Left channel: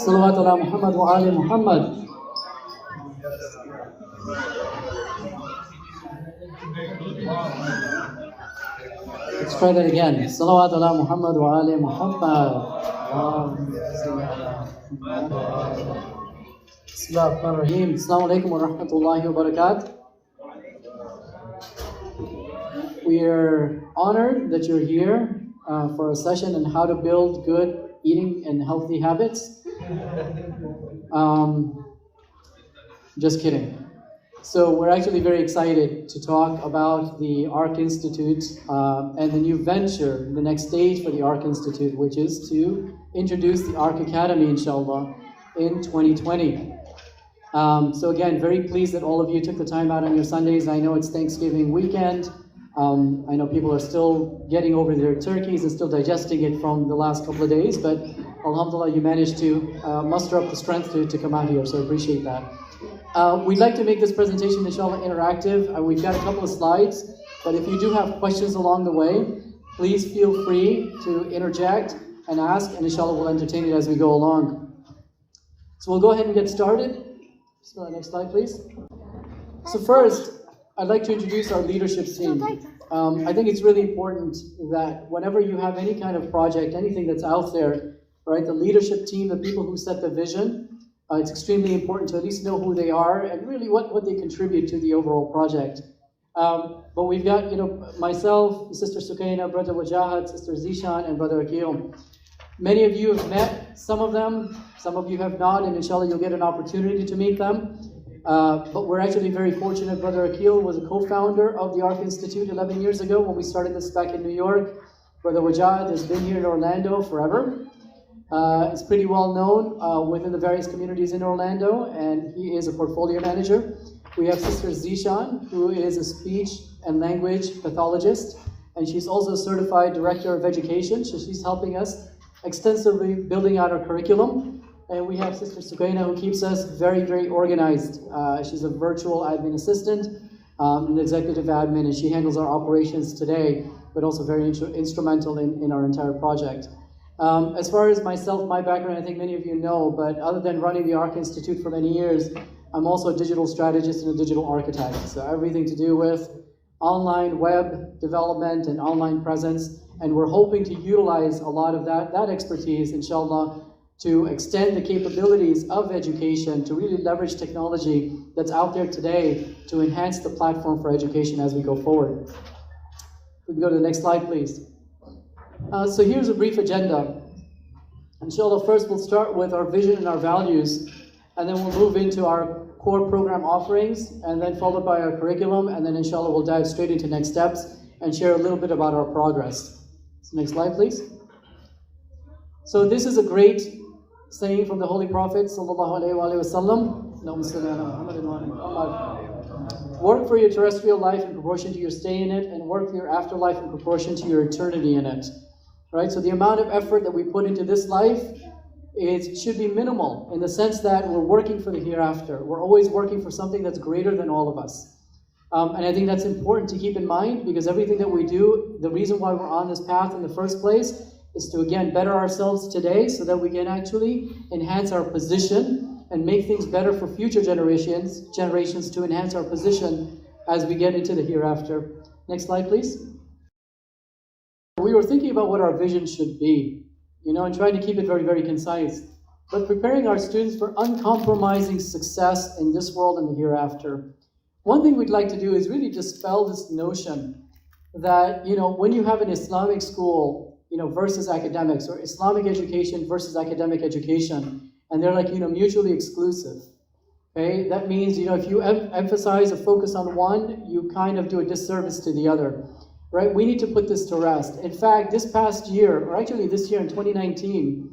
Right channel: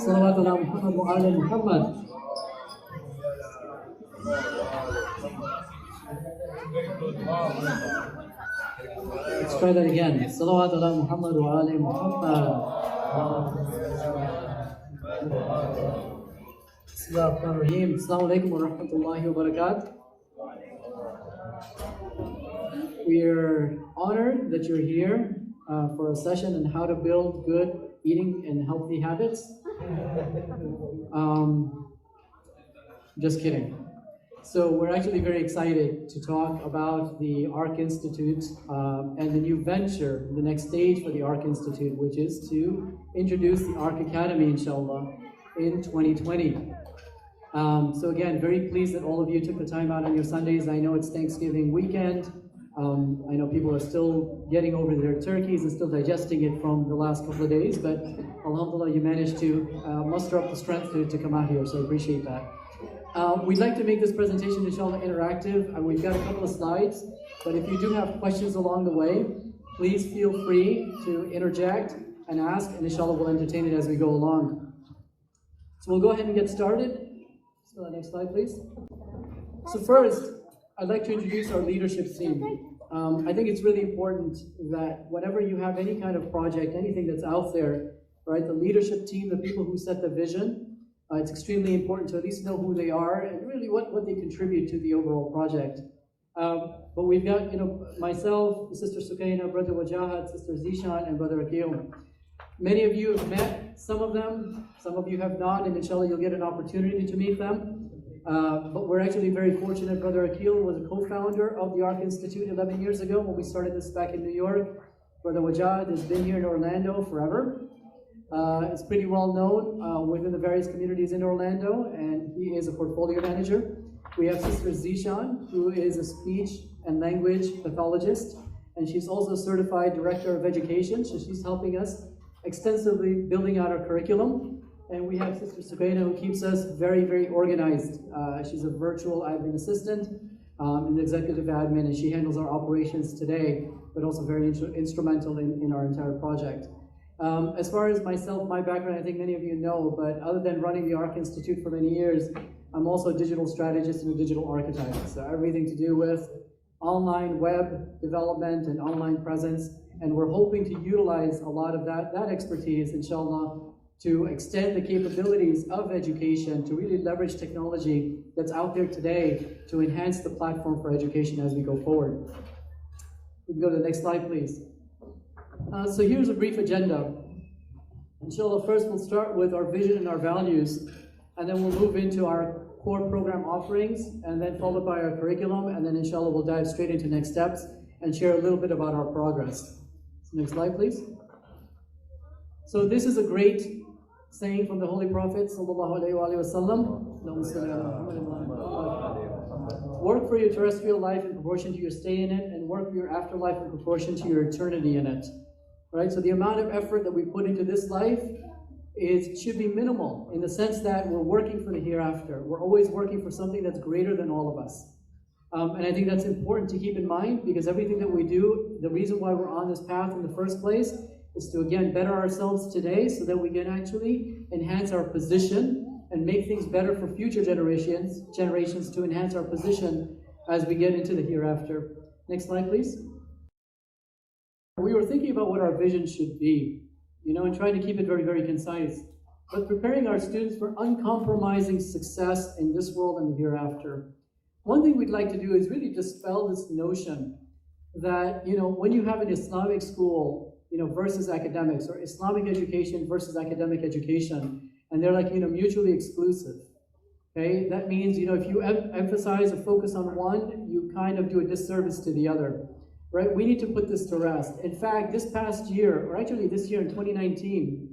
صلوات على محمد وآل محمد. Let's try that again. صلوات على محمد وآل محمد. بسم الله الرحمن الرحيم. السلام عليكم ورحمة الله وبركاته. We are honored that you're here for a session on how to build good eating and healthy habits. Just kidding. So we're actually very excited to talk about the ARC Institute and the new venture, the next stage for the ARC Institute, which is to introduce the ARC Academy, inshallah, in 2020. So again, very pleased that all of you took the time out on your Sundays. I know it's Thanksgiving weekend. I know people are still getting over their turkeys and still digesting it from the last couple of days, but alhamdulillah, you managed to muster up the strength to come out here, so I appreciate that. We'd like to make this presentation, inshallah, interactive. We've got a couple of slides, but if you do have questions along the way, please feel free to interject and ask, and inshallah, we'll entertain it as we go along. So we'll go ahead and get started. So next slide, please. So first, I'd like to introduce our leadership team. I think it's really important that whenever you have any kind of project, anything that's out there, right, the leadership team, the people who set the vision, it's extremely important to at least know who they are and really what they contribute to the overall project. But we've got, myself, Sister Sukaina, Brother Wajahat, Sister Zishan, and Brother Akil. Many of you have met some of them, some of you have not, and inshallah you'll get an opportunity to meet them. But we're actually very fortunate. Brother Akil was a co-founder of the ARC Institute 11 years ago when we started this back in New York. Brother Wajahat has been here in Orlando forever. It's pretty well known within the various communities in Orlando, and he is a portfolio manager. We have Sister Zishan, who is a speech and language pathologist, and she's also a certified director of education, so she's helping us extensively building out our curriculum. And we have Sister Sukaina, who keeps us very, very organized. She's a virtual admin assistant, an executive admin, and she handles our operations today, but also very instrumental in our entire project. As far as myself, my background, I think many of you know, but other than running the ARC Institute for many years, I'm also a digital strategist and a digital architect. So everything to do with online web development and online presence. And we're hoping to utilize a lot of that expertise, inshallah, to extend the capabilities of education, to really leverage technology that's out there today to enhance the platform for education as we go forward. We can go to the next slide, please. So here's a brief agenda. Inshallah, first we'll start with our vision and our values, and then we'll move into our core program offerings, and then followed by our curriculum, and then inshallah we'll dive straight into next steps and share a little bit about our progress. So next slide, please. So this is a great saying from the Holy Prophet sallallahu alaihi wasallam. Work for your terrestrial life in proportion to your stay in it, and work for your afterlife in proportion to your eternity in it. Right? So the amount of effort that we put into this life should be minimal in the sense that we're working for the hereafter. We're always working for something that's greater than all of us. And I think that's important to keep in mind, because everything that we do, the reason why we're on this path in the first place is to, again, better ourselves today so that we can actually enhance our position and make things better for future generations to enhance our position as we get into the hereafter. Next slide, please. We were thinking about what our vision should be, and trying to keep it very, very concise, but preparing our students for uncompromising success in this world and the hereafter. One thing we'd like to do is really dispel this notion that, when you have an Islamic school, versus academics, or Islamic education versus academic education, and they're like, mutually exclusive. Okay, that means, if you emphasize or focus on one, you kind of do a disservice to the other, right? We need to put this to rest. In fact, this past year, or actually this year in 2019,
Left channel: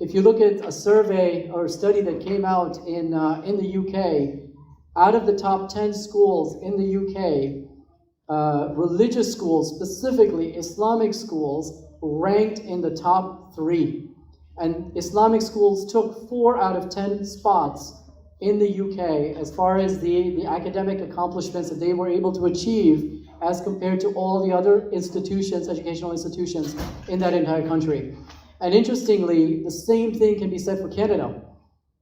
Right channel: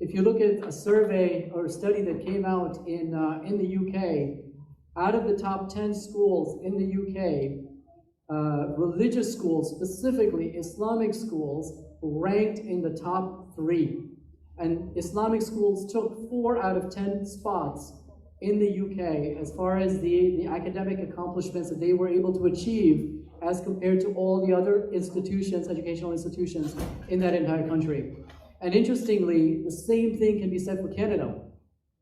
if you look at a survey or a study that came out in the UK, out of the top 10 schools in the UK, religious schools, specifically Islamic schools, ranked in the top 3. And Islamic schools took 4 out of 10 spots in the UK as far as the academic accomplishments that they were able to achieve as compared to all the other institutions, educational institutions in that entire country. And interestingly, the same thing can be said for Canada,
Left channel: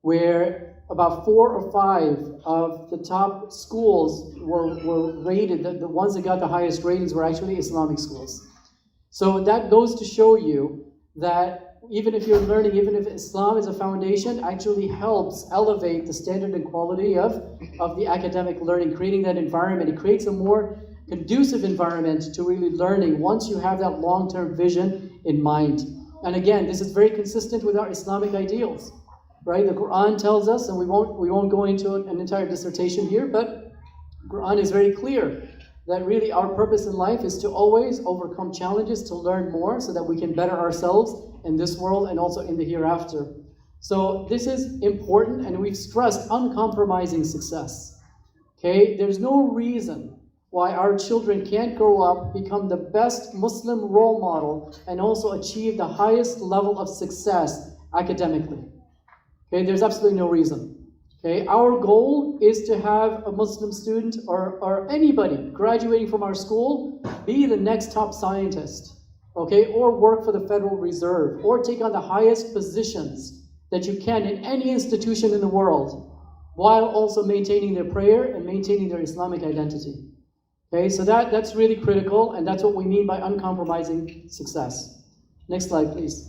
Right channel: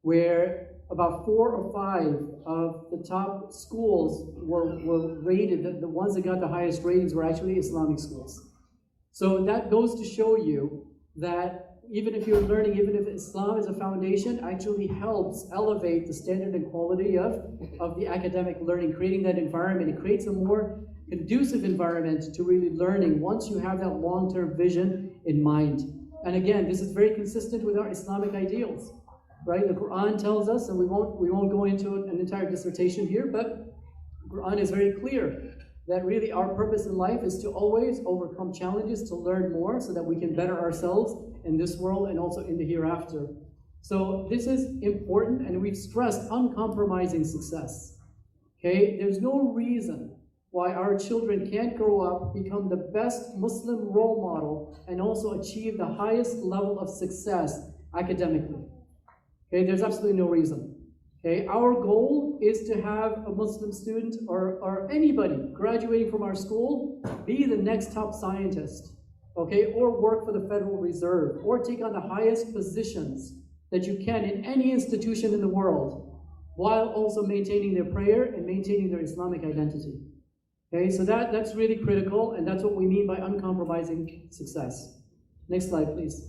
where about 4 or 5 of the top schools were rated, the ones that got the highest ratings were actually Islamic schools. So that goes to show you that even if you're learning, even if Islam is a foundation, actually helps elevate the standard and quality of the academic learning, creating that environment. It creates a more conducive environment to really learning once you have that long-term vision in mind. And again, this is very consistent with our Islamic ideals, right? The Quran tells us, and we won't go into an entire dissertation here, but the Quran is very clear that really our purpose in life is to always overcome challenges, to learn more so that we can better ourselves in this world and also in the hereafter. So this is important, and we've stressed uncompromising success. Okay, there's no reason why our children can't grow up, become the best Muslim role model, and also achieve the highest level of success academically. Okay, there's absolutely no reason. Okay, our goal is to have a Muslim student or anybody graduating from our school be the next top scientist, okay, or work for the Federal Reserve, or take on the highest positions that you can in any institution in the world, while also maintaining their prayer and maintaining their Islamic identity. Okay, so that's really critical, and that's what we mean by uncompromising success. Next slide, please.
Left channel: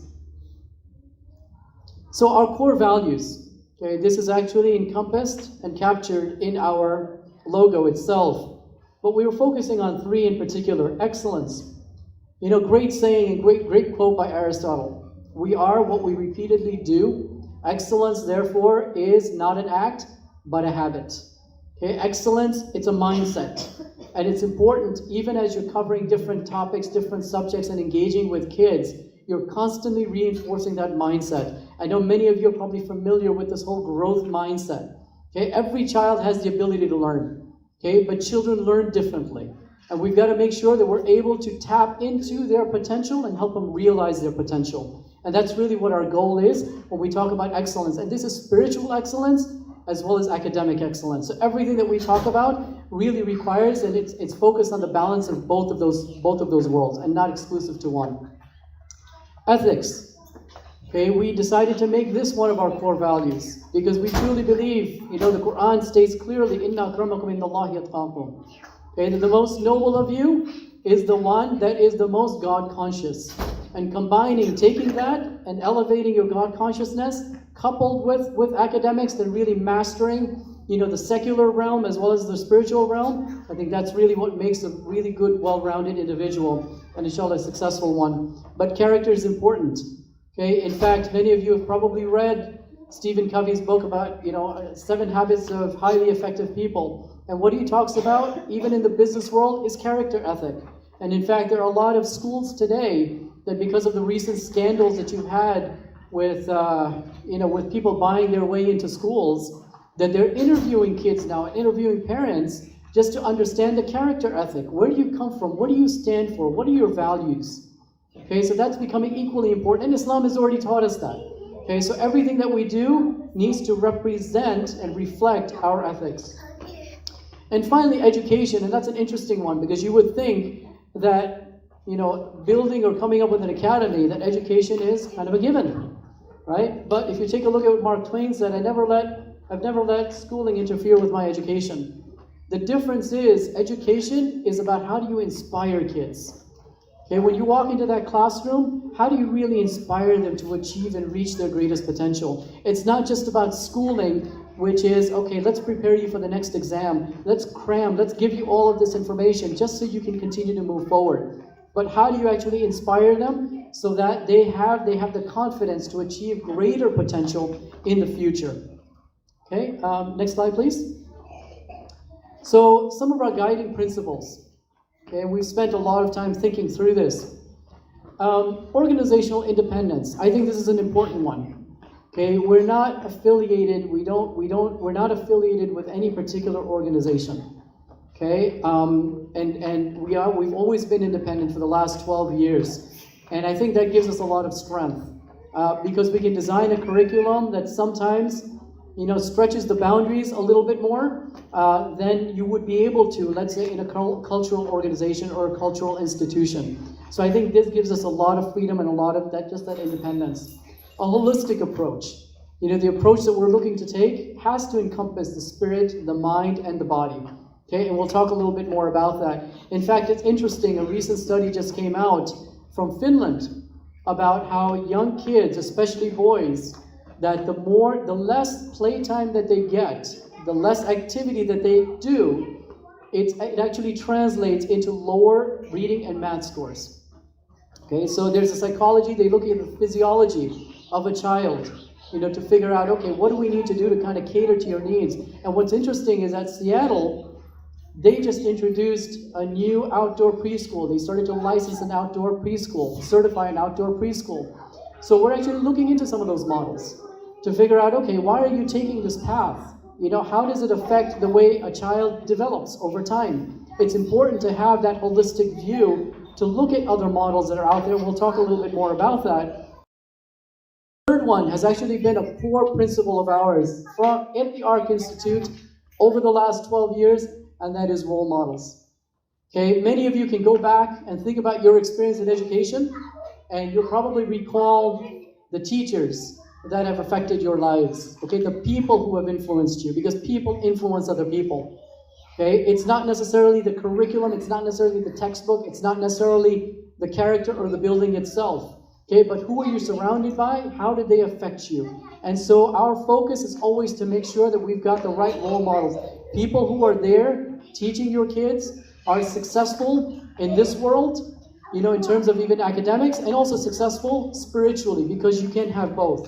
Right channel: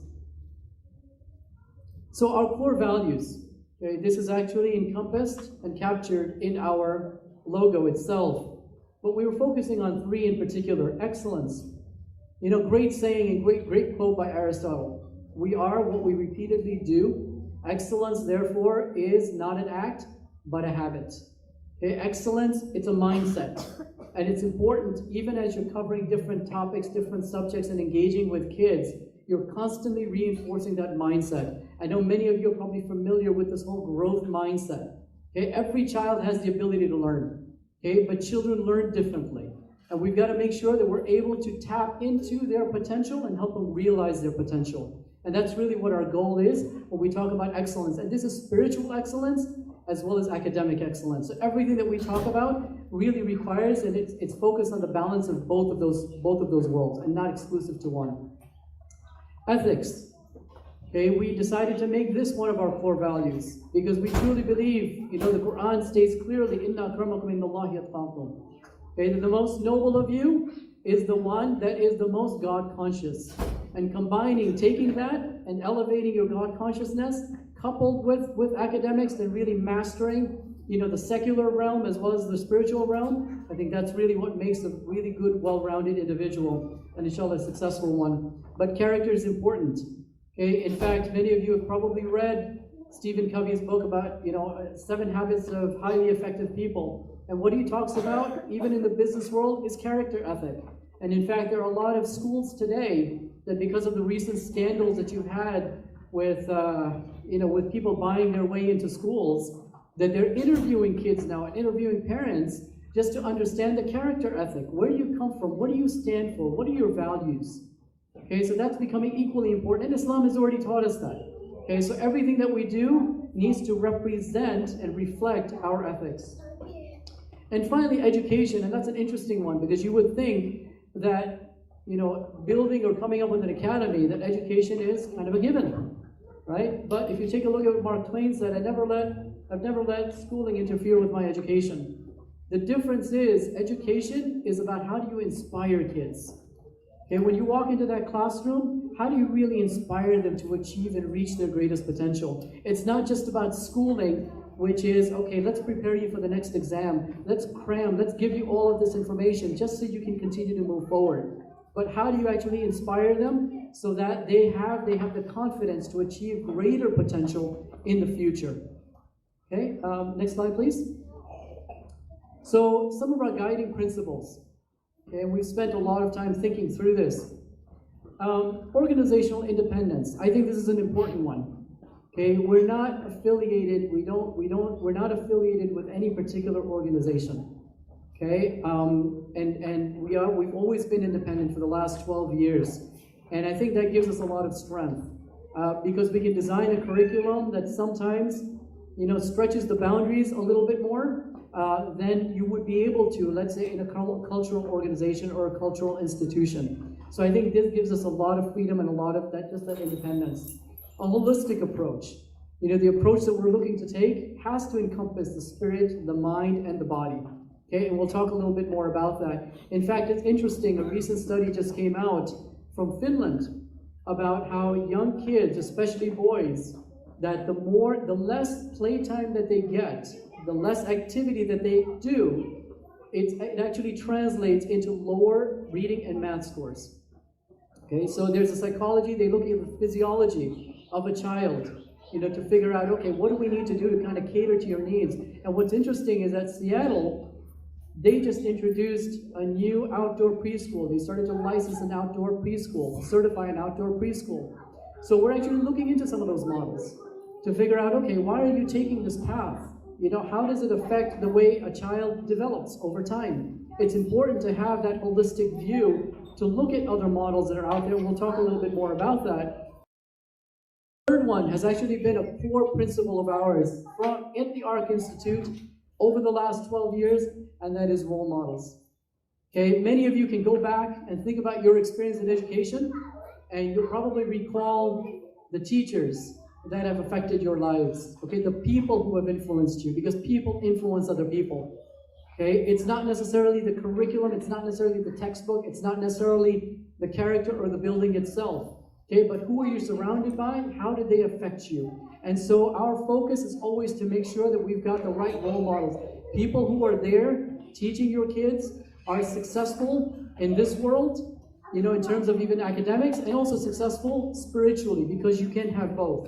So our core values. Okay, this is actually encompassed and captured in our logo itself. But we were focusing on 3 in particular. Excellence. You know, great saying and great quote by Aristotle. We are what we repeatedly do. Excellence, therefore, is not an act, but a habit. Okay, excellence, it's a mindset. And it's important, even as you're covering different topics, different subjects, and engaging with kids, you're constantly reinforcing that mindset. I know many of you are probably familiar with this whole growth mindset. Okay, every child has the ability to learn. Okay, but children learn differently. And we've got to make sure that we're able to tap into their potential and help them realize their potential. And that's really what our goal is when we talk about excellence. And this is spiritual excellence as well as academic excellence. So everything that we talk about really requires that it's focused on the balance of both of those worlds and not exclusive to one. Ethics. Okay, we decided to make this one of our core values because we truly believe, you know, the Quran states clearly, Inna akramakum indallahi atqakum. Okay, the most noble of you is the one that is the most God conscious. And combining, taking that and elevating your God consciousness, coupled with academics and really mastering, you know, the secular realm as well as the spiritual realm, I think that's really what makes a really good, well-rounded individual, and inshallah a successful one. But character is important. Okay, in fact, many of you have probably read Stephen Covey's book about, you know, 7 Habits of Highly Effective People. And what he talks about, even in the business world, is character ethic. And in fact, there are a lot of schools today that, because of the recent scandals that you've had with, you know, with people buying their way into schools, that they're interviewing kids now and interviewing parents just to understand the character ethic. Where do you come from? What do you stand for? What are your values? Okay, so that's becoming equally important, and Islam has already taught us that. Okay, so everything that we do needs to represent and reflect our ethics. And finally, education, and that's an interesting one, because you would think that, you know, building or coming up with an academy, that education is kind of a given, right? But if you take a look at what Mark Twain said, I've never let schooling interfere with my education. The difference is, education is about how do you inspire kids. Okay, when you walk into that classroom, how do you really inspire them to achieve and reach their greatest potential? It's not just about schooling, which is, okay, let's prepare you for the next exam. Let's cram, let's give you all of this information just so you can continue to move forward. But how do you actually inspire them so that they have the confidence to achieve greater potential in the future? Okay, next slide, please. So some of our guiding principles. Okay, and we've spent a lot of time thinking through this. Organizational independence. I think this is an important one. Okay, we're not affiliated. We're not affiliated with any particular organization. Okay, and we've always been independent for the last 12 years, and I think that gives us a lot of strength because we can design a curriculum that sometimes, you know, stretches the boundaries a little bit more than you would be able to, let's say, in a cultural organization or a cultural institution. So I think this gives us a lot of freedom and a lot of that independence. A holistic approach. The approach that we're looking to take has to encompass the spirit, the mind, and the body. Okay, and we'll talk a little bit more about that. In fact, it's interesting, a recent study just came out from Finland about how young kids, especially boys, that the less playtime that they get, the less activity that they do, it actually translates into lower reading and math scores. Okay, so there's a psychology, they look at the physiology of a child, to figure out, okay, what do we need to do to kind of cater to your needs? And what's interesting is that Seattle, they just introduced a new outdoor preschool. They started to license an outdoor preschool, certify an outdoor preschool. So we're actually looking into some of those models to figure out, okay, why are you taking this path? How does it affect the way a child develops over time? It's important to have that holistic view, to look at other models that are out there. We'll talk a little bit more about that. The third one has actually been a core principle of ours at the ARC Institute over the last 12 years, and that is role models. Okay, many of you can go back and think about your experience in education, and you'll probably recall the teachers that have affected your lives. Okay, the people who have influenced you, because people influence other people. Okay, it's not necessarily the curriculum, it's not necessarily the textbook, it's not necessarily the character or the building itself. Okay, but who are you surrounded by? How did they affect you? And so our focus is always to make sure that we've got the right role models. People who are there teaching your kids are successful in this world, in terms of even academics, and also successful spiritually, because you can have both.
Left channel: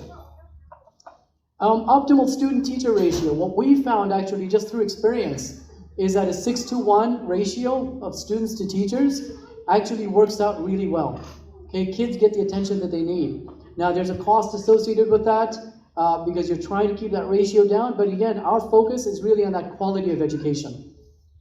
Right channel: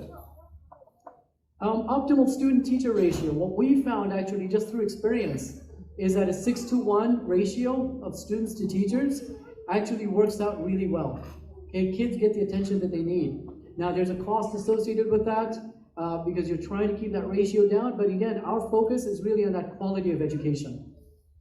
Optimal student-teacher ratio, what we found actually just through experience, is that a 6-to-1 ratio of students to teachers actually works out really well. Okay, kids get the attention that they need. Now, there's a cost associated with that because you're trying to keep that ratio down, but again, our focus is really on that quality of education.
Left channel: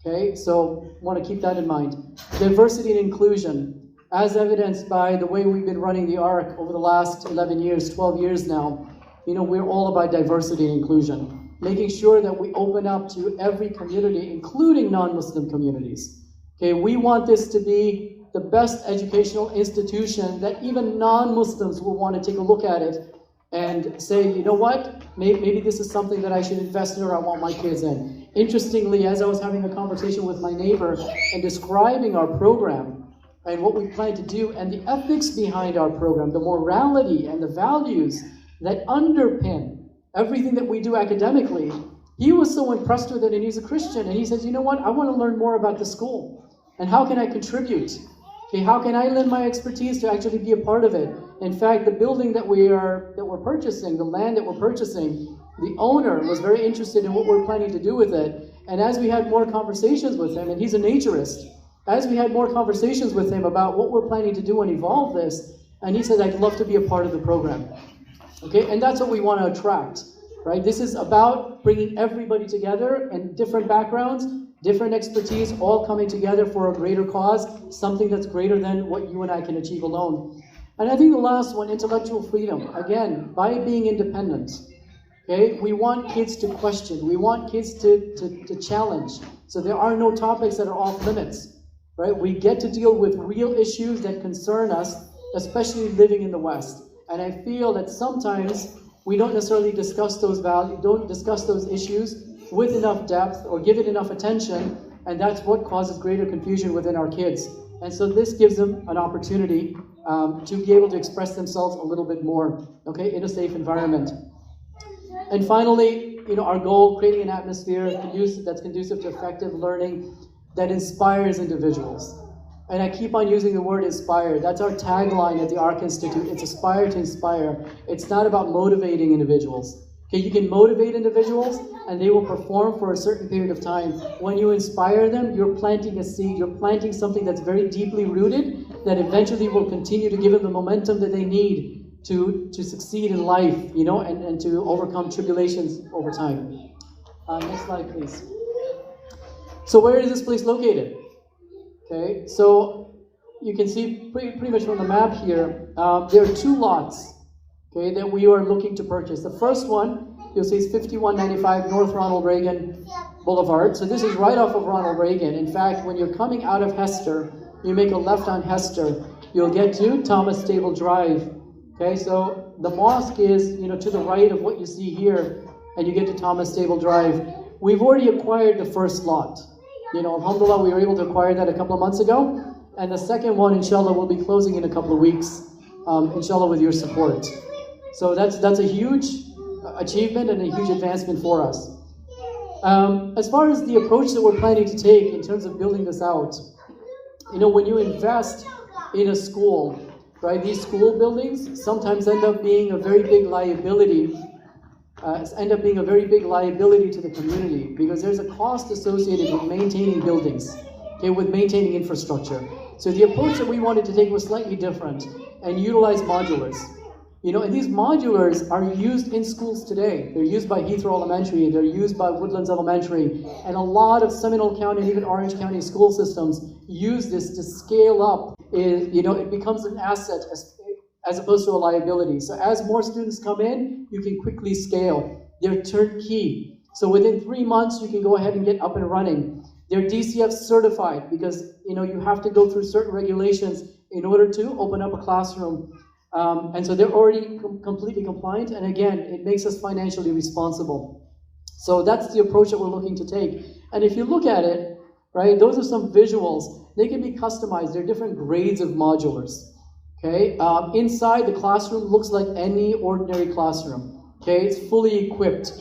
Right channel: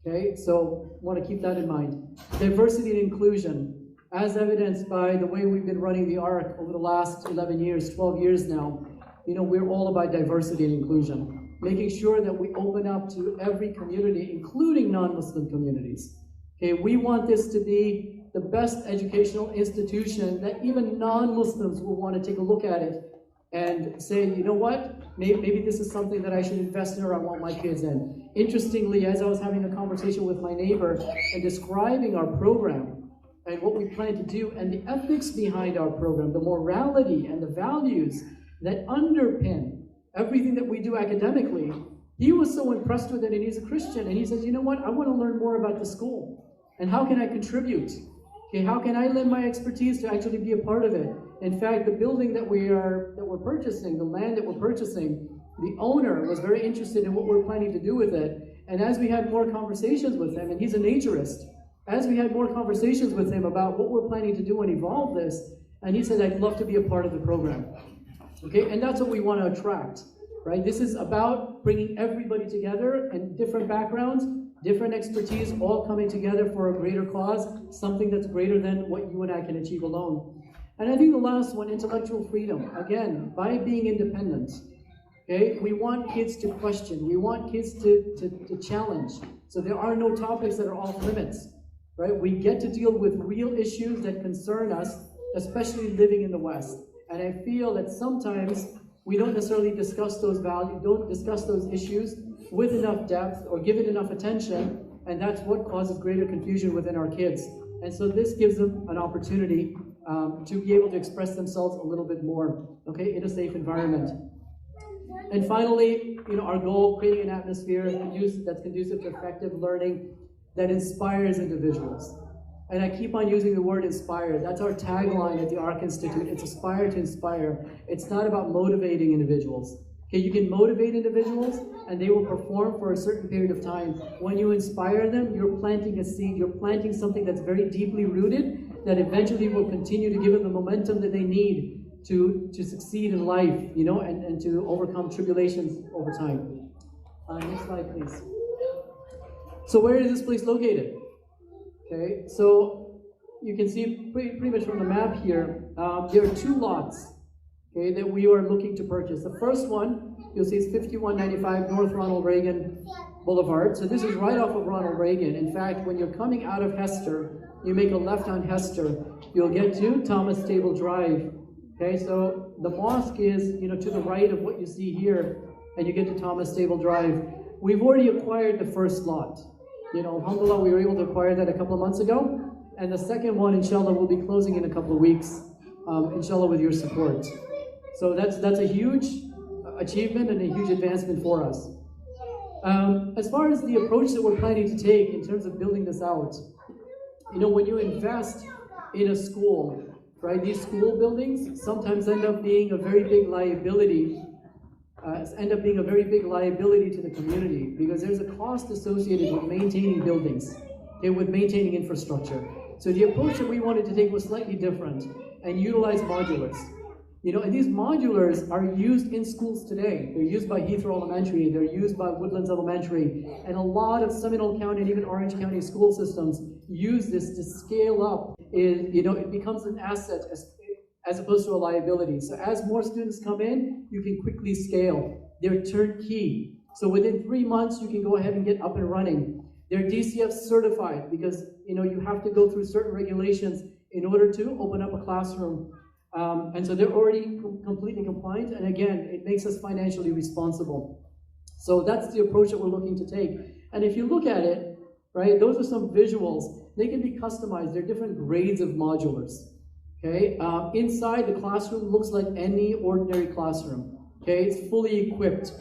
Okay, so want to keep that in mind. Diversity and inclusion, as evidenced by the way we've been running the ARC over the last 11 years, 12 years now, we're all about diversity and inclusion, making sure that we open up to every community, including non-Muslim communities. Okay, we want this to be the best educational institution that even non-Muslims will want to take a look at it and say, you know what, maybe this is something that I should invest in or I want my kids in. Interestingly, as I was having a conversation with my neighbor and describing our program and what we plan to do and the ethics behind our program, the morality and the values that underpin everything that we do academically, he was so impressed with it, and he's a Christian, and he says, you know what, I want to learn more about the school, and how can I contribute? Okay, how can I lend my expertise to actually be a part of it? In fact, the building that we're purchasing, the land that we're purchasing, the owner was very interested in what we're planning to do with it. And as we had more conversations with him, and he's a naturist, as we had more conversations with him about what we're planning to do and evolve this, and he said, I'd love to be a part of the program. Okay, and that's what we want to attract, right? This is about bringing everybody together and different backgrounds, different expertise, all coming together for a greater cause, something that's greater than what you and I can achieve alone. And I think the last one, intellectual freedom. Again, by being independent, okay, we want kids to question. We want kids to challenge. So there are no topics that are off limits, right? We get to deal with real issues that concern us, especially living in the West. And I feel that sometimes we don't necessarily discuss those values, don't discuss those issues with enough depth or give it enough attention, and that's what causes greater confusion within our kids. And so this gives them an opportunity to be able to express themselves a little bit more, okay, in a safe environment. And finally, our goal, creating an atmosphere that's conducive to effective learning that inspires individuals. And I keep on using the word inspire. That's our tagline at the ARC Institute. It's aspire to inspire. It's not about motivating individuals. Okay, you can motivate individuals and they will perform for a certain period of time. When you inspire them, you're planting a seed. You're planting something that's very deeply rooted that eventually will continue to give them the momentum that they need to succeed in life, and to overcome tribulations over time. Next slide, please. So where is this place located? Okay, so you can see pretty much from the map here, there are two lots, okay, that we are looking to purchase. The first one, you'll see, is 5195 North Ronald Reagan Boulevard. So this is right off of Ronald Reagan. In fact, when you're coming out of Hester, you make a left on Hester, you'll get to Thomas Stable Drive. Okay, so the mosque is, to the right of what you see here, and you get to Thomas Stable Drive. We've already acquired the first lot. Alhamdulillah, we were able to acquire that a couple of months ago, and the second one, inshallah, will be closing in a couple of weeks, inshallah, with your support. So that's a huge achievement and a huge advancement for us. As far as the approach that we're planning to take in terms of building this out, when you invest in a school, right, these school buildings sometimes end up being a very big liability, to the community, because there's a cost associated with maintaining buildings, okay, with maintaining infrastructure. So the approach that we wanted to take was slightly different and utilize modulars. And these modulars are used in schools today. They're used by Heathrow Elementary, they're used by Woodlands Elementary, and a lot of Seminole County and even Orange County school systems use this to scale up. It becomes an asset as opposed to a liability. So as more students come in, you can quickly scale. They're turnkey. So within 3 months, you can go ahead and get up and running. They're DCF certified because you have to go through certain regulations in order to open up a classroom. And so they're already completely compliant, and again, it makes us financially responsible. So that's the approach that we're looking to take. And if you look at it, right, those are some visuals. They can be customized. There are different grades of modulars. Okay, inside the classroom looks like any ordinary classroom. Okay, it's fully equipped,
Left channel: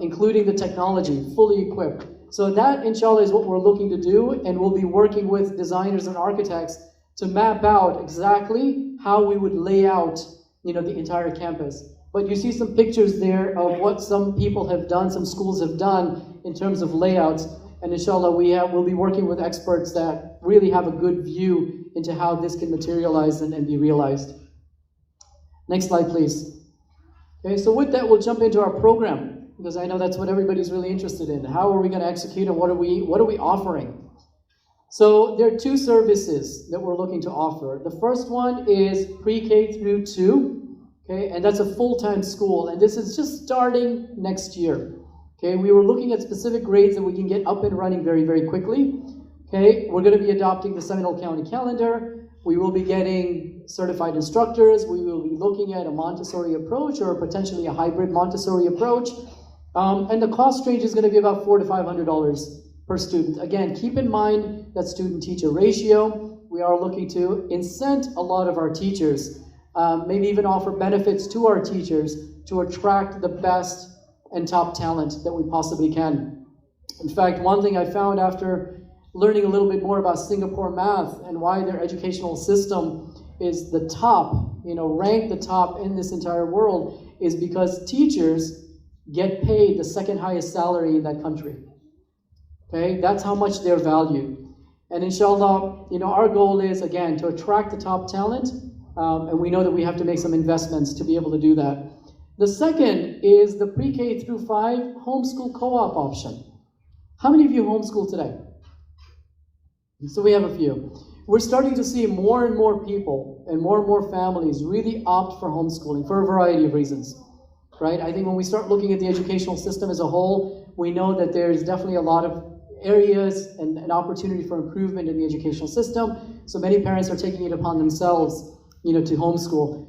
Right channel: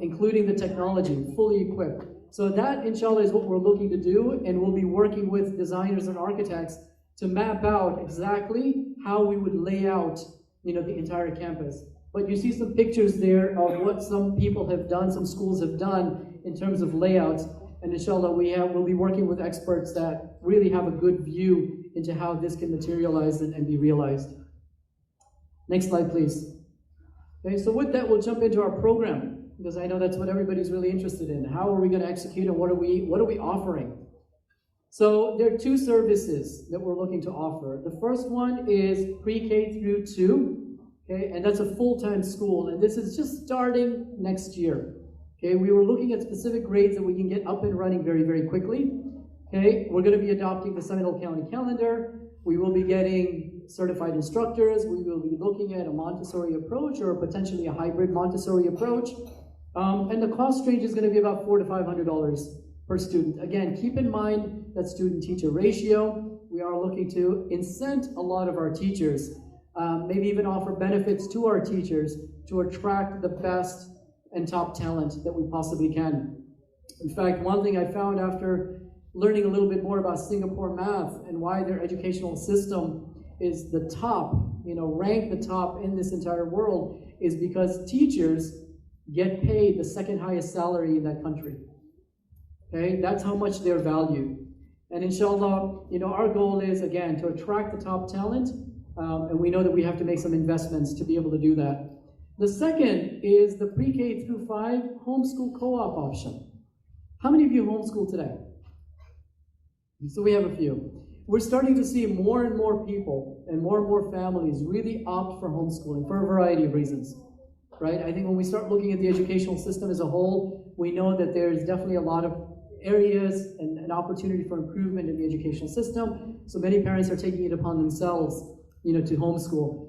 including the technology, fully equipped. So that, inshallah, is what we're looking to do, and we'll be working with designers and architects to map out exactly how we would lay out, the entire campus. But you see some pictures there of what some people have done, some schools have done in terms of layouts. And inshallah, we'll be working with experts that really have a good view into how this can materialize and be realized. Next slide, please. Okay, so with that, we'll jump into our program, because I know that's what everybody's really interested in. How are we going to execute, and what are we offering? So there are 2 services that we're looking to offer. The first one is pre-K through 2, okay, and that's a full-time school, and this is just starting next year. Okay, we were looking at specific grades that we can get up and running very, very quickly. Okay, we're going to be adopting the Seminole County calendar. We will be getting certified instructors. We will be looking at a Montessori approach or potentially a hybrid Montessori approach. And the cost range is going to be about $400 to $500 per student. Again, keep in mind that student-teacher ratio. We are looking to incent a lot of our teachers, maybe even offer benefits to our teachers to attract the best and top talent that we possibly can. In fact, one thing I found after learning a little bit more about Singapore math and why their educational system is the top, ranked the top in this entire world, is because teachers get paid the second highest salary in that country. Okay, that's how much they're valued. And inshallah, our goal is, again, to attract the top talent, and we know that we have to make some investments to be able to do that. The second is the pre-K through 5 homeschool co-op option. How many of you homeschool today? So we have a few. We're starting to see more and more people and more families really opt for homeschooling for a variety of reasons, right? I think when we start looking at the educational system as a whole, we know that there's definitely a lot of areas and an opportunity for improvement in the educational system. So many parents are taking it upon themselves, to homeschool.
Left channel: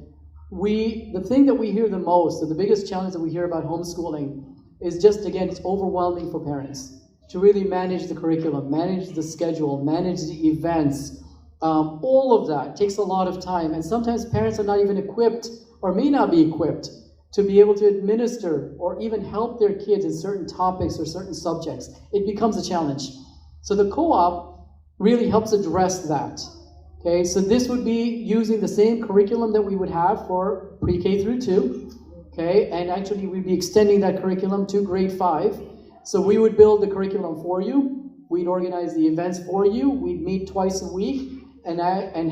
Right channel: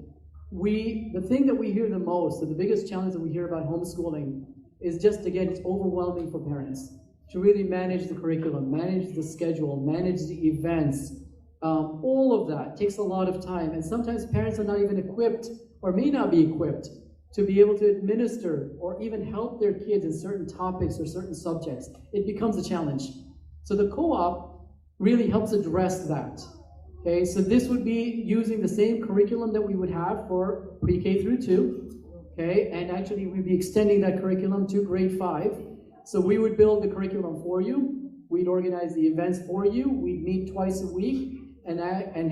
The thing that we hear the most, and the biggest challenge that we hear about homeschooling, is just, again, it's overwhelming for parents to really manage the curriculum, manage the schedule, manage the events. All of that takes a lot of time, and sometimes parents are not even equipped, or may not be equipped, to be able to administer or even help their kids in certain topics or certain subjects. It becomes a challenge. So the co-op really helps address that. Okay, so this would be using the same curriculum that we would have for pre-K through 2, okay, and actually we'd be extending that curriculum to grade 5. So we would build the curriculum for you, we'd organize the events for you, we'd meet twice a week, and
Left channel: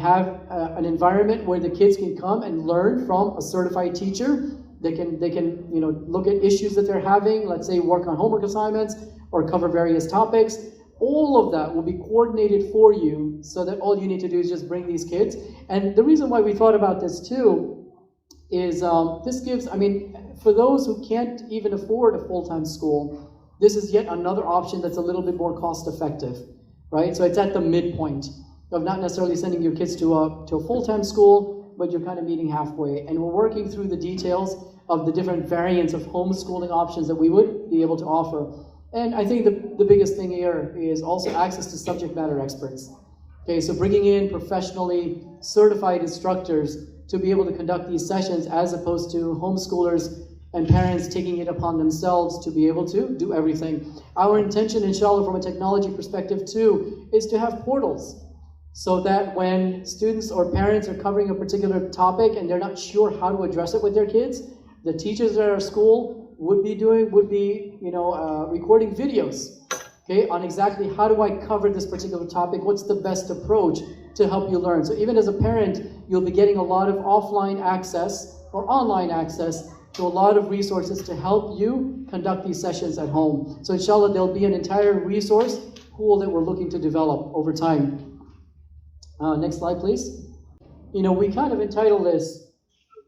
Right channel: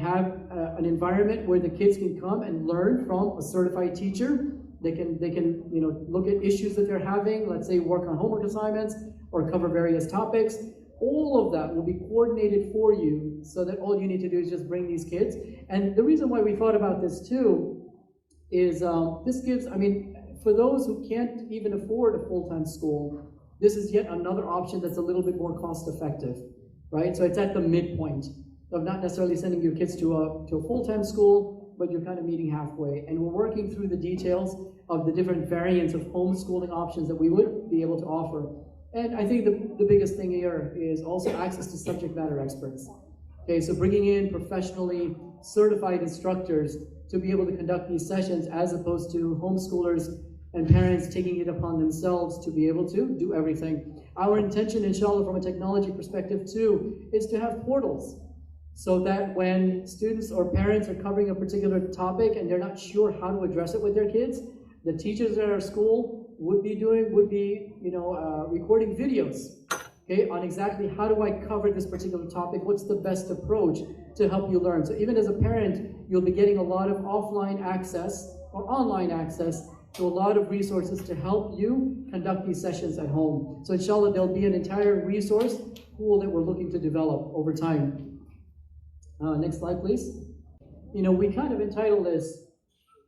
have an environment where the kids can come and learn from a certified teacher. They can look at issues that they're having, let's say work on homework assignments or cover various topics. All of that will be coordinated for you, so that all you need to do is just bring these kids. And the reason why we thought about this too is this gives, for those who can't even afford a full-time school, this is yet another option that's a little bit more cost-effective, right? So it's at the midpoint of not necessarily sending your kids to a full-time school, but you're kind of meeting halfway. And we're working through the details of the different variants of homeschooling options that we would be able to offer. And I think the biggest thing here is also access to subject matter experts. Okay, so bringing in professionally certified instructors to be able to conduct these sessions, as opposed to homeschoolers and parents taking it upon themselves to be able to do everything. Our intention, inshallah, from a technology perspective too, is to have portals, so that when students or parents are covering a particular topic and they're not sure how to address it with their kids, the teachers at our school would be recording videos, okay, on exactly how do I cover this particular topic, what's the best approach to help you learn. So even as a parent, you'll be getting a lot of offline access or online access to a lot of resources to help you conduct these sessions at home. So inshallah, there'll be an entire resource pool that we're looking to develop over time. Next slide, please. We kind of entitled this,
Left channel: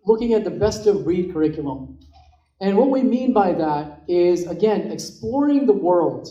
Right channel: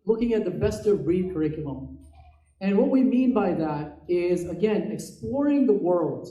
looking at the best of breed curriculum. And what we mean by that is, again, exploring the world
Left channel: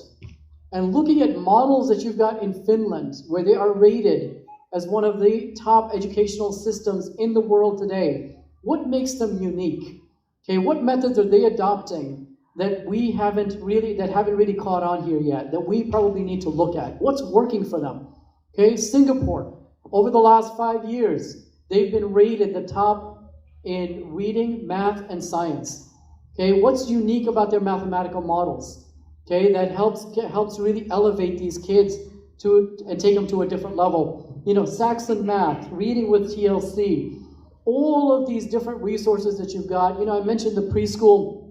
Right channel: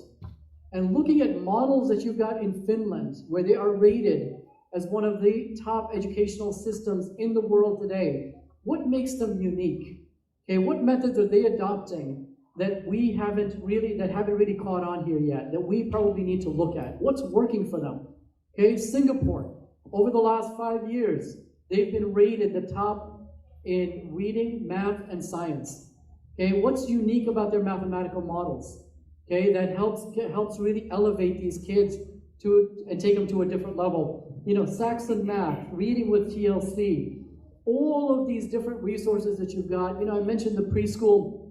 and looking at models that you've got in Finland, where they are rated as one of the top educational systems in the world today. What makes them unique? Okay, what methods are they adopting that haven't really caught on here yet, that we probably need to look at? What's working for them? Okay, Singapore, over the last 5 years, they've been rated the top in reading, math, and science. Okay, what's unique about their mathematical models? Okay, that helps really elevate these kids and take them to a different level. Saxon Math, Reading with TLC, all of these different resources that you've got. I mentioned the preschool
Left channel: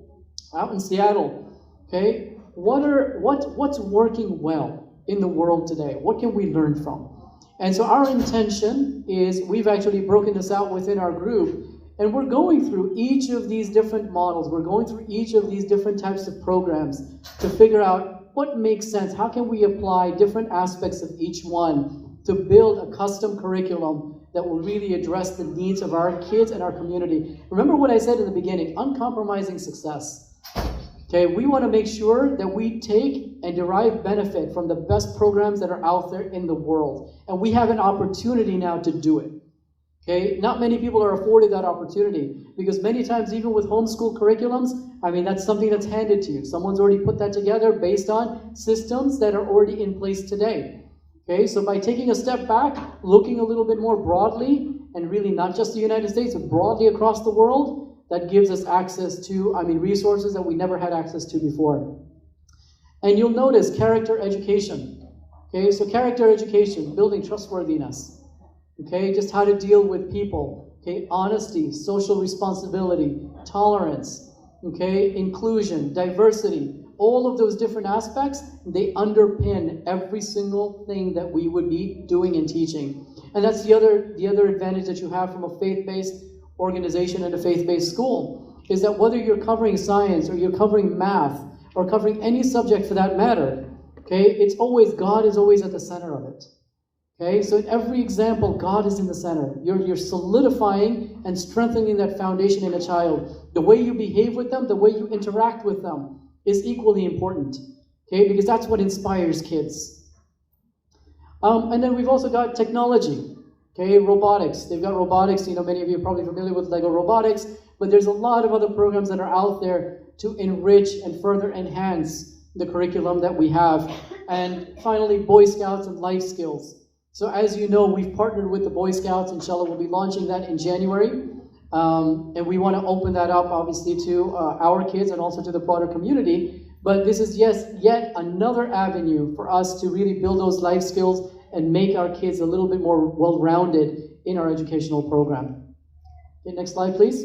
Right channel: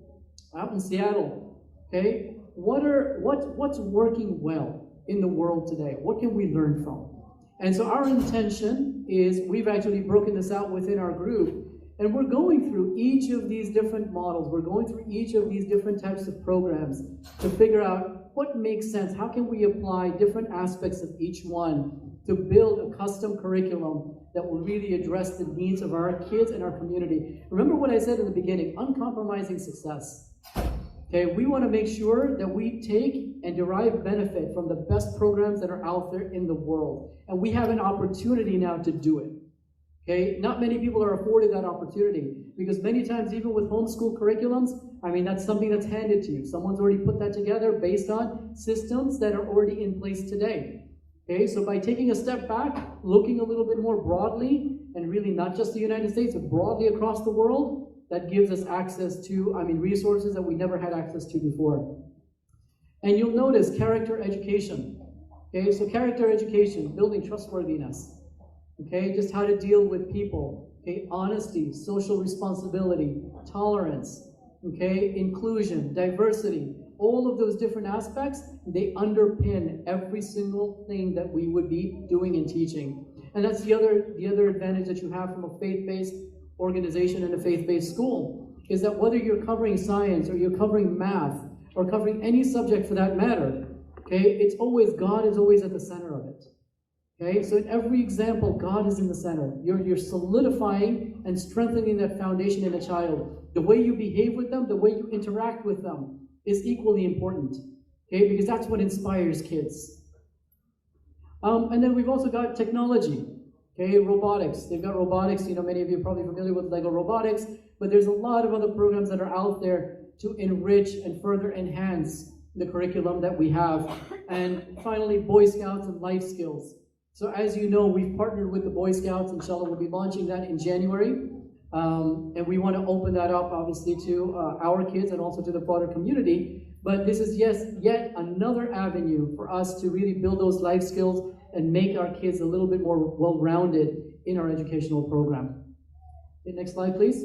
out in Seattle. Okay, what's working well in the world today? What can we learn from? And so our intention is, we've actually broken this out within our group, and we're going through each of these different models. We're going through each of these different types of programs to figure out what makes sense. How can we apply different aspects of each one to build a custom curriculum that will really address the needs of our kids and our community? Remember what I said in the beginning, uncompromising success. Okay, we want to make sure that we take and derive benefit from the best programs that are out there in the world. And we have an opportunity now to do it. Okay, not many people are afforded that opportunity, because many times, even with homeschool curriculums, that's something that's handed to you. Someone's already put that together based on systems that are already in place today. Okay, so by taking a step back, looking a little bit more broadly, and really not just the United States, but broadly across the world, that gives us access to, resources that we never had access to before. And you'll notice character education. Okay, so character education, building trustworthiness. Okay, just how to deal with people. Okay, honesty, social responsibility, tolerance. Okay, inclusion, diversity. All of those different aspects, they underpin every single thing that we would be doing and teaching. And that's the other advantage that you have from a faith-based organization and a faith-based school, is that whether you're covering science or you're covering math or covering any subject for that matter, okay, God is always at the center of it. Okay, so in every example, God is in the center. You're solidifying and strengthening that foundation in a child. The way you behave with them, the way you interact with them is equally important. Okay, because that's what inspires kids. And then we've also got technology. Okay, robotics. They've got robotics. Many of you are probably familiar with Lego robotics, but there's a lot of other programs that are out there to enrich and further enhance the curriculum that we have. And finally, Boy Scouts and life skills. So as you know, we've partnered with the Boy Scouts. Inshallah, we'll be launching that in January. And we want to open that up, obviously, to our kids and also to the broader community. But this is yet another avenue for us to really build those life skills and make our kids a little bit more well-rounded in our educational program. Okay, next slide, please.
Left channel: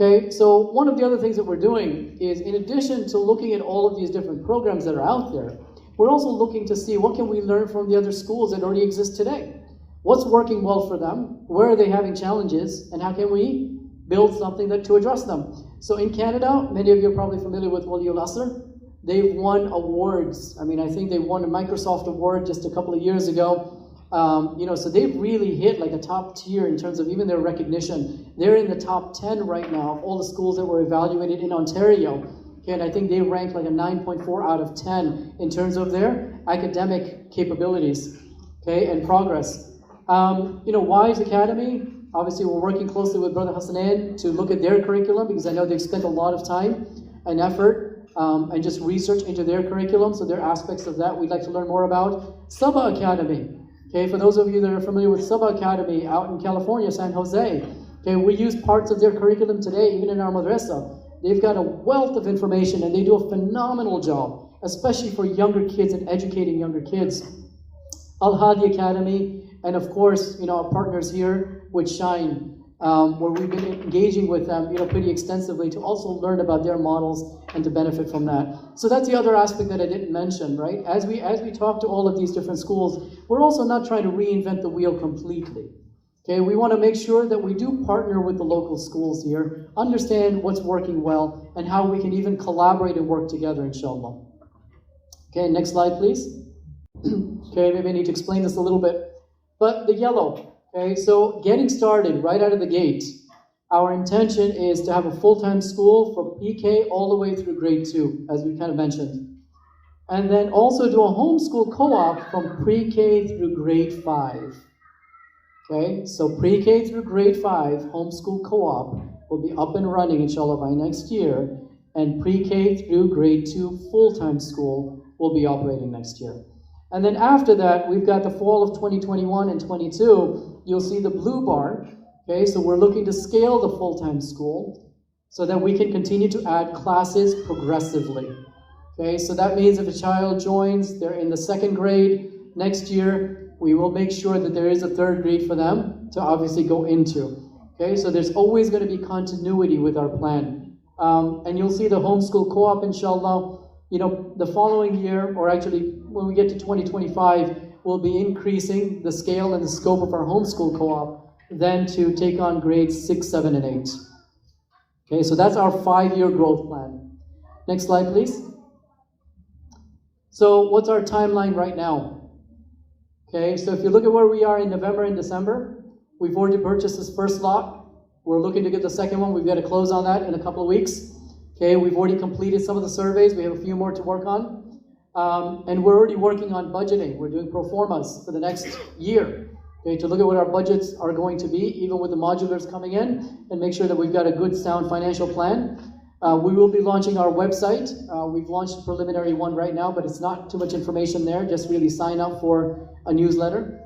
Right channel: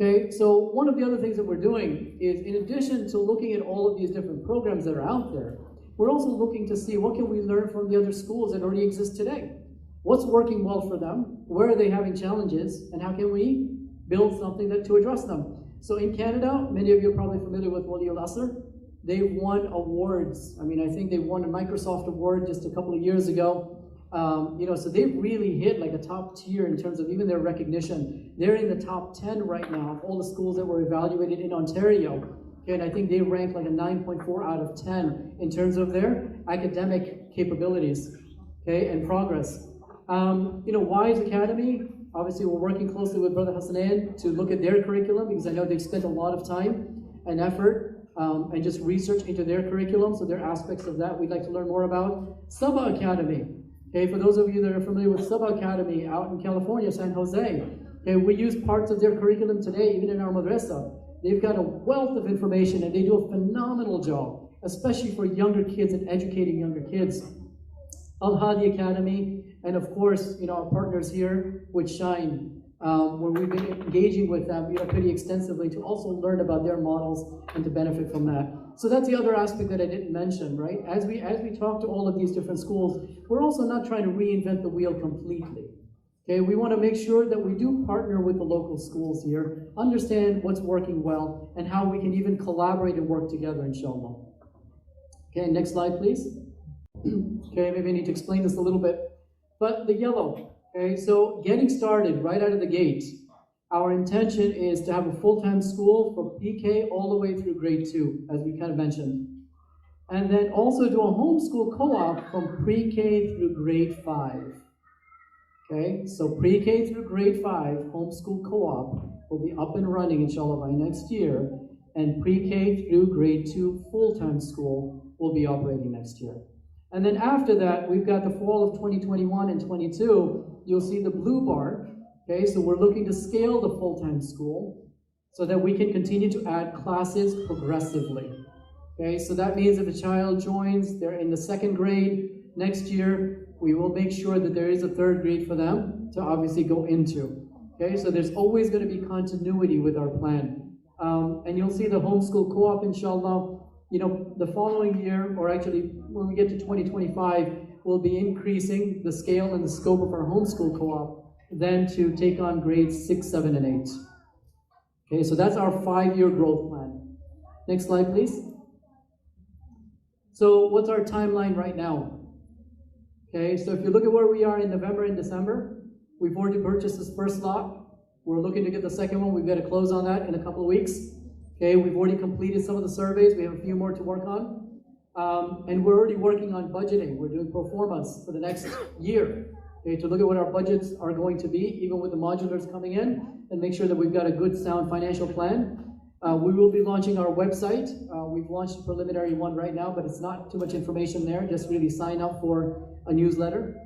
Okay, so one of the other things that we're doing is, in addition to looking at all of these different programs that are out there, we're also looking to see what can we learn from the other schools that already exist today. What's working well for them? Where are they having challenges? And how can we build something to address them? So in Canada, many of you are probably familiar with Wali al-Asr. They've won awards. I think they won a Microsoft award just a couple of years ago. So they've really hit like a top tier in terms of even their recognition. They're in the top 10 right now of all the schools that were evaluated in Ontario. Okay, and I think they ranked like a 9.4 out of 10 in terms of their academic capabilities. okay, and progress. Wise Academy, obviously we're working closely with Brother Hassanan to look at their curriculum because I know they've spent a lot of time and effort and just research into their curriculum, so there are aspects of that we'd like to learn more about. Sabah Academy, okay, for those of you that are familiar with Sabah Academy out in California, San Jose, okay, we use parts of their curriculum today, even in our madrasa. They've got a wealth of information and they do a phenomenal job, especially for younger kids and educating younger kids. Al-Hadi Academy, and of course, our partners here with Shine, where we've been engaging with them, pretty extensively to also learn about their models and to benefit from that. So that's the other aspect that I didn't mention, right? As we talk to all of these different schools, we're also not trying to reinvent the wheel completely. Okay, we want to make sure that we do partner with the local schools here, understand what's working well, and how we can even collaborate and work together, inshallah. Okay, next slide, please. Okay, maybe I need to explain this a little bit. But the yellow, okay, so getting started right out of the gate, our intention is to have a full-time school for PK all the way through grade 2, as we kind of mentioned. And then also do a homeschool co-op from pre-K through grade 5. Okay, so pre-K through grade 5, homeschool co-op will be up and running, inshallah, by next year. And pre-K through grade 2 full-time school will be operating next year. And then after that, we've got the fall of 2021 and 22. You'll see the blue bar. Okay, so we're looking to scale the full-time school so that we can continue to add classes progressively. Okay, so that means if a child joins, they're in the 2nd grade next year, we will make sure that there is a 3rd grade for them to obviously go into. Okay, so there's always going to be continuity with our plan. And you'll see the homeschool co-op, inshallah, the following year, or actually when we get to 2025, we'll be increasing the scale and the scope of our homeschool co-op then to take on grades 6, 7, and 8. Okay, so that's our 5-year growth plan. Next slide, please. So what's our timeline right now? Okay, so if you look at where we are in November and December, we've already purchased this first lot. We're looking to get the second one. We've got to close on that in a couple of weeks. Okay, we've already completed some of the surveys. We have a few more to work on. And we're already working on budgeting. We're doing pro formas for the next year. Okay, to look at what our budgets are going to be, even with the modulars coming in, and make sure that we've got a good, sound financial plan. We will be launching our website. We've launched a preliminary one right now, but it's not too much information there. Just really sign up for a newsletter.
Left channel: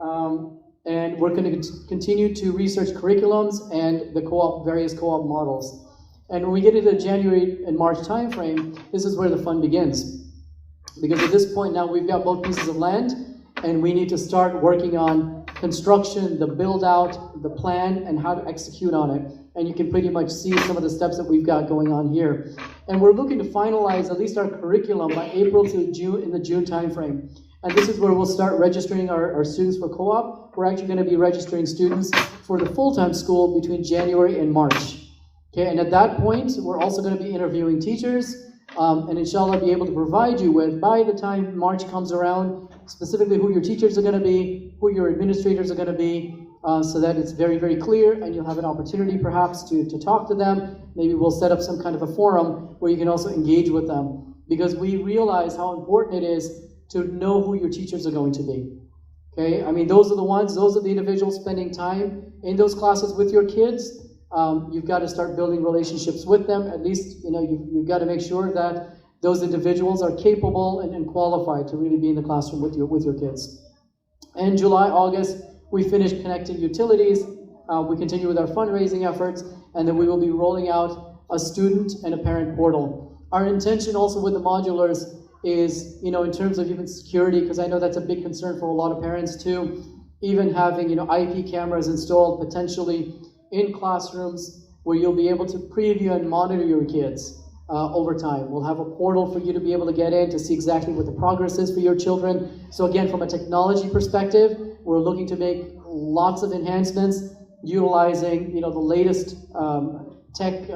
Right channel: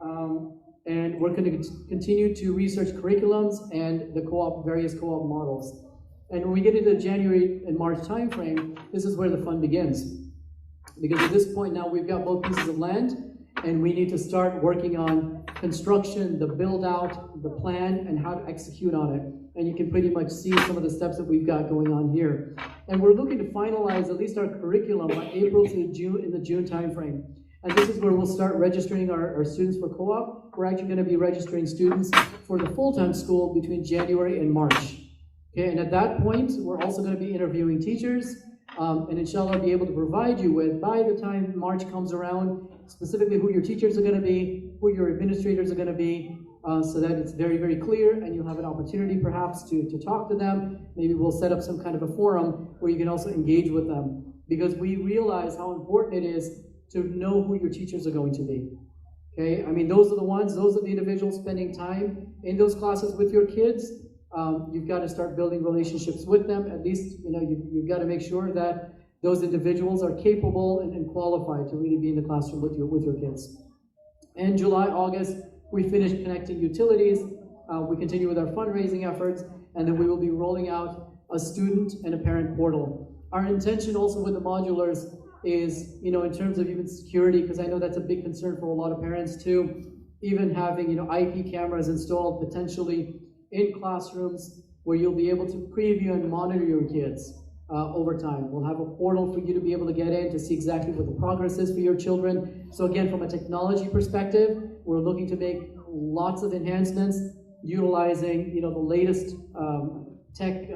And we're going to continue to research curriculums and the various co-op models. And when we get into the January and March timeframe, this is where the fun begins. Because at this point now, we've got both pieces of land, and we need to start working on construction, the build out, the plan, and how to execute on it. And you can pretty much see some of the steps that we've got going on here. And we're looking to finalize at least our curriculum by April to June, in the June timeframe. And this is where we'll start registering our students for co-op. We're actually going to be registering students for the full-time school between January and March. Okay, and at that point, we're also going to be interviewing teachers, and inshallah be able to provide you with, by the time March comes around, specifically who your teachers are going to be, who your administrators are going to be, so that it's very, very clear, and you'll have an opportunity perhaps to talk to them. Maybe we'll set up some kind of a forum where you can also engage with them, because we realize how important it is to know who your teachers are going to be. Okay, I mean, those are the individuals spending time in those classes with your kids. You've got to start building relationships with them. At least, you've got to make sure that those individuals are capable and qualified to really be in the classroom with your kids. In July, August, we finish connecting utilities. We continue with our fundraising efforts, and then we will be rolling out a student and a parent portal. Our intention also with the modulars is, in terms of even security, because I know that's a big concern for a lot of parents too, even having, IP cameras installed potentially in classrooms where you'll be able to preview and monitor your kids over time. We'll have a portal for you to be able to get in to see exactly what the progress is for your children. So again, from a technology perspective, we're looking to make lots of enhancements utilizing, the latest tech